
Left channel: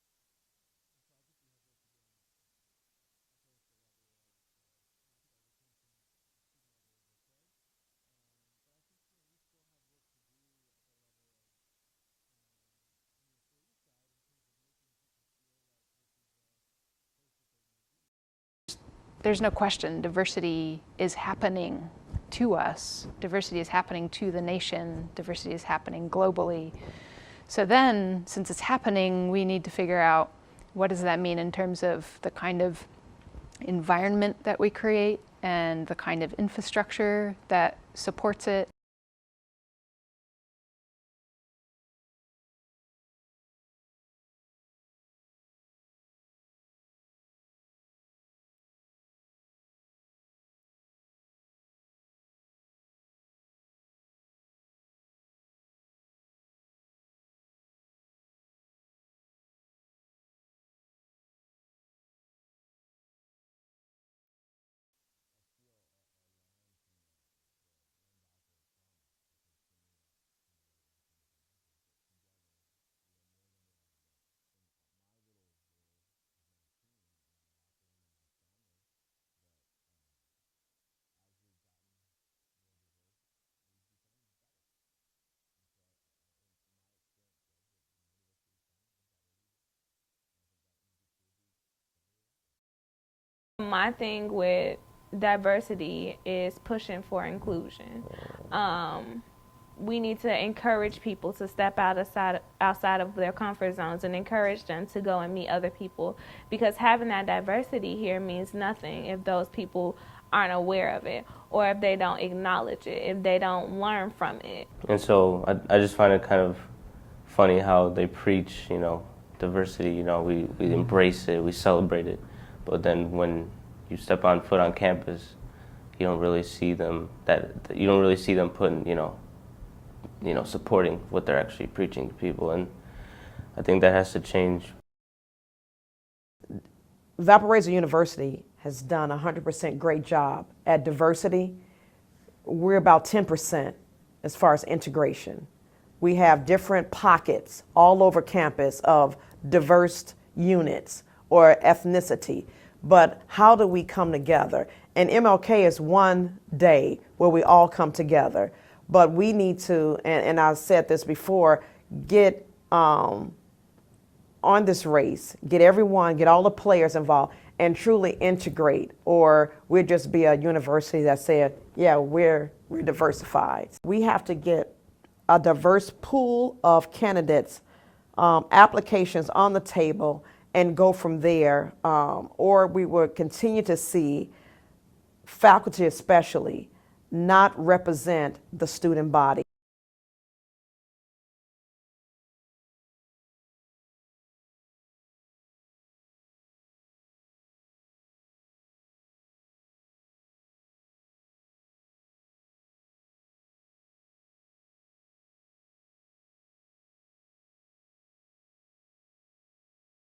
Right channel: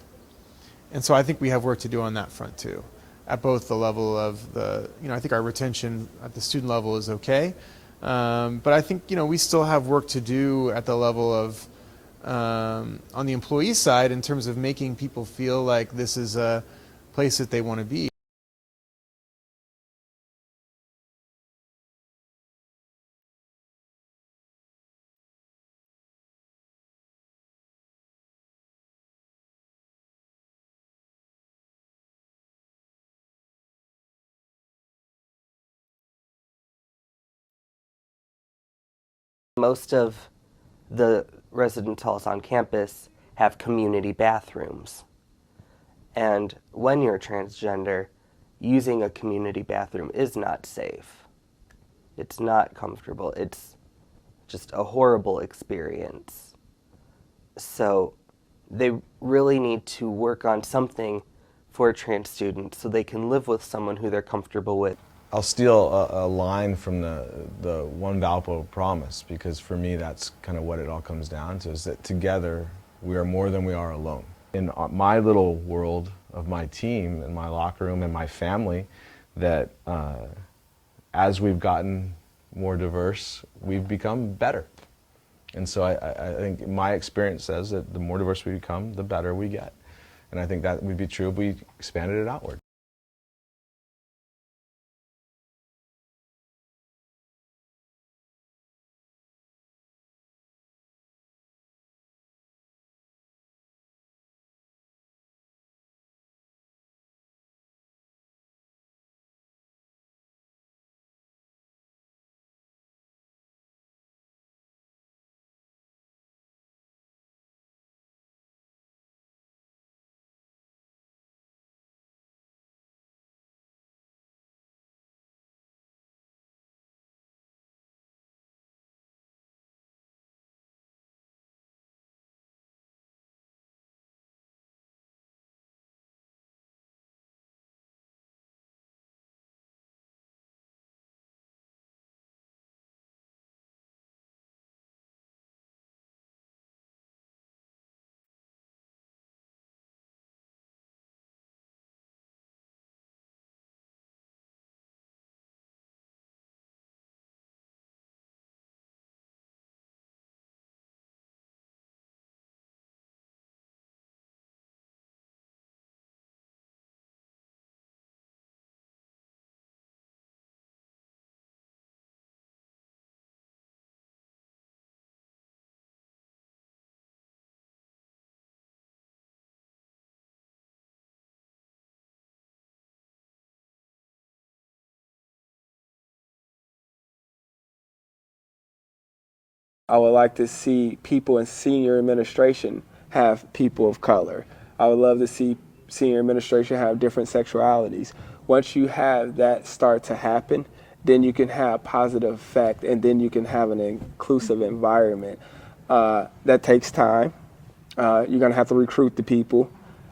And so I think we have work to do on that front too, at both the level of I think our retention at the student level is okay. But I think we still have work to do at the level of on the employee side in terms of making people feel like this is a place that they want to be. There's no question diversity is happening to us. Diversity is happening to the nation. Diversity is happening globally. So then, since it's happening, we need to figure out what does that mean in terms of the kind of environment that we create and the kind of infrastructure that supports it. Most of the residence halls on campus have community bathrooms. And when you're transgender, using a community bathroom is not safe. It's not comfortable. It's just a horrible experience. So they really need to work on something for trans students so they can live with someone who they're comfortable with. I'll steal a line from the One Valpo promise, because for me that's kind of what it all comes down to, is that together we are more than we are alone. In my little world of my team and my locker room and my family, that as we've gotten more diverse, we've become better. And so I think my experience says that the more diverse we become, the better we get. And I think that would be true if we expanded it outward. My thing with diversity is pushing for inclusion. We need to encourage people to step outside of their comfort zones and encourage them to go and meet other people, because having that diversity here means nothing if those people aren't aware of it, or if they don't acknowledge it, if they don't learn from it. And so I just find it kind of funny how they preach, diversity, we embrace it, we celebrate it, but then when you step on foot on campus, you don't really see them putting, supporting what they're actually preaching to people, and I think that has to change. Valparaiso University has done a 100% great job at diversity. We're about 10% as far as integration. We have different pockets all over campus of diverse units or ethnicity, but how do we come together? And MLK is one day where we all come together, but we need to, and I've said this before, get on this race, get all the players involved, and truly integrate, or we'll just be a university that said, yeah, we're diversified. We have to get a diverse pool of candidates, applications on the table, and go from there, or we will continue to see faculty especially not represent the student body. I would like to see people in senior administration have people of color. I would love to see senior administration have different sexualities. Once you have that start to happen, then you can have positive effect, and then you can have an inclusive environment. That takes time. You're gonna have to recruit the people.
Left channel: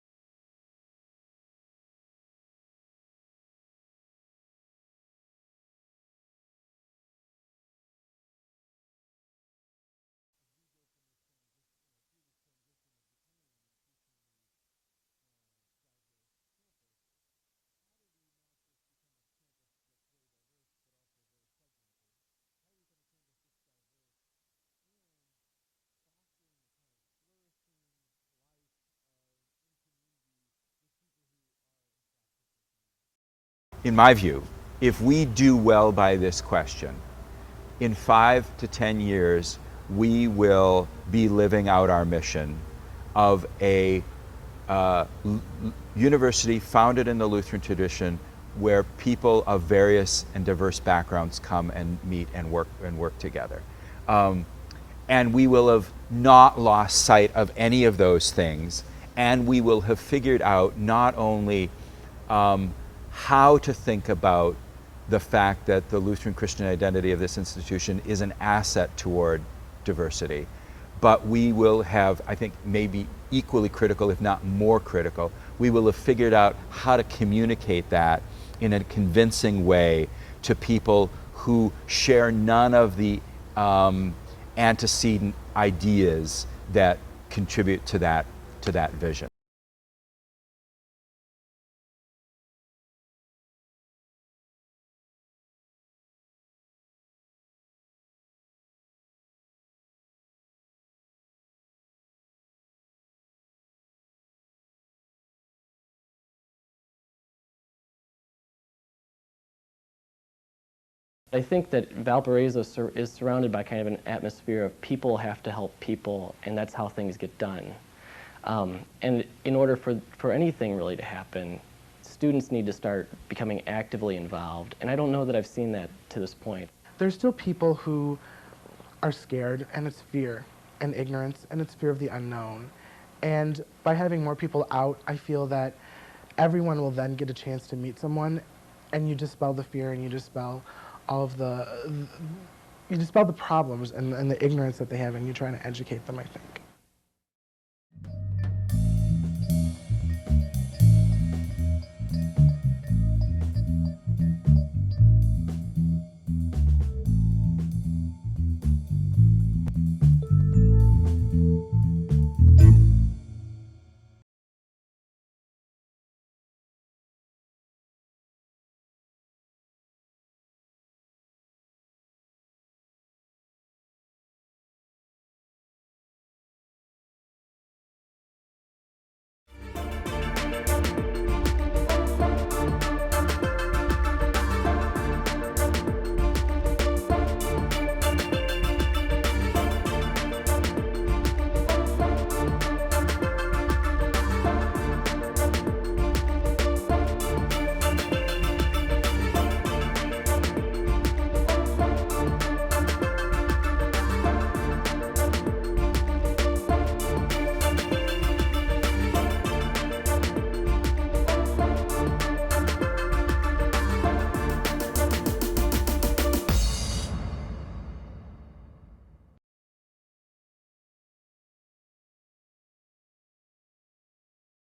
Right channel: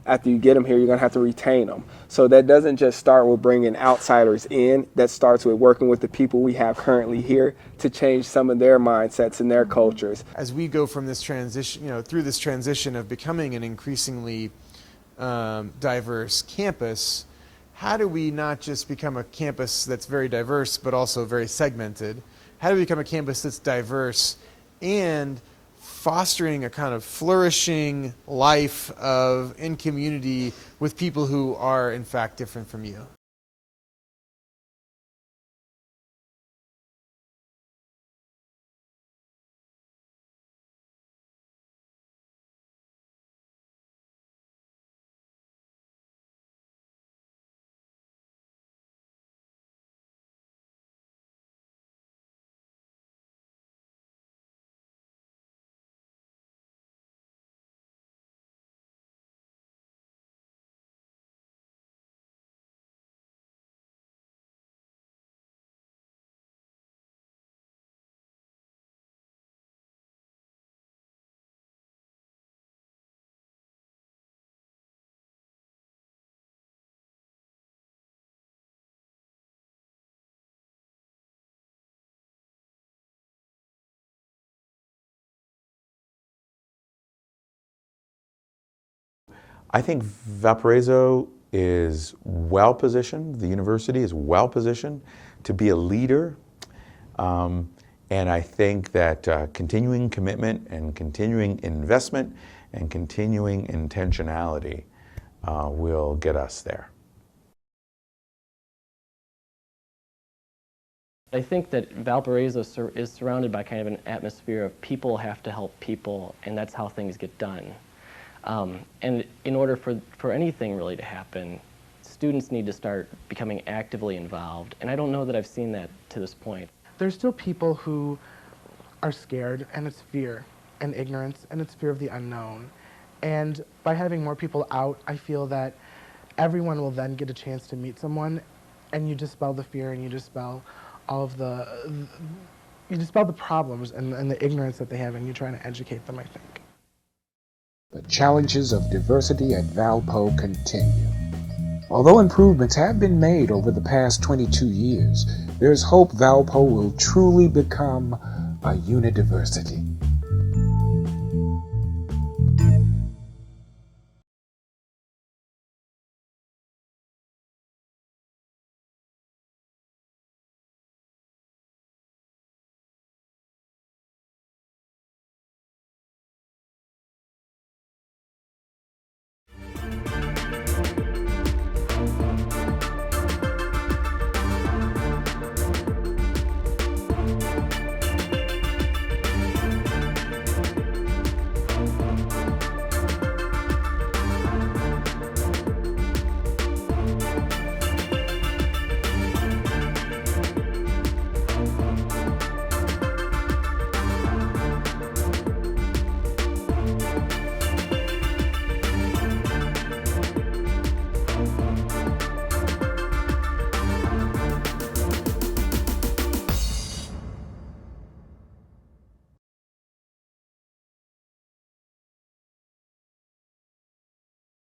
After you get them here, you're gonna have to retain them. So that doesn't just start with bringing outsiders in, that starts with working with the people we have currently here to change some of their mindsets and their cultures. As we go from this transition, through this transition of becoming an increasingly diverse campus, how do we not just become a campus that's very diverse but also very segmented? How do we become a campus that's diverse and fostering a kind of flourishing life in community with people who are in fact different from you? In my view, if we do well by this question, in 5 to 10 years, we will be living out our mission of a university founded in the Lutheran tradition, where people of various and diverse backgrounds come and meet and work together. And we will have not lost sight of any of those things, and we will have figured out not only how to think about the fact that the Lutheran Christian identity of this institution is an asset toward diversity, but we will have, I think, maybe equally critical, if not more critical, we will have figured out how to communicate that in a convincing way to people who share none of the antecedent ideas that contribute to that vision. I think Valparaiso is well positioned, the university is well positioned to be a leader, and I think that continuing commitment and continuing investment and continuing intentionality will get us there. I think that Valparaiso is surrounded by kind of an atmosphere of people have to help people, and that's how things get done. And in order for anything really to happen, students need to start becoming actively involved, and I don't know that I've seen that to this point. There's still people who are scared, and it's fear and ignorance, and it's fear of the unknown. And by having more people out, I feel that everyone will then get a chance to meet someone, and you dispel the fear, and you dispel all of you dispel the problems and the ignorance that they have, and you're trying to educate them, I think. The challenges of diversity at Valpo continue. Although improvements have been made over the past 22 years, there's hope Valpo will truly become a UNIDIVERSITY.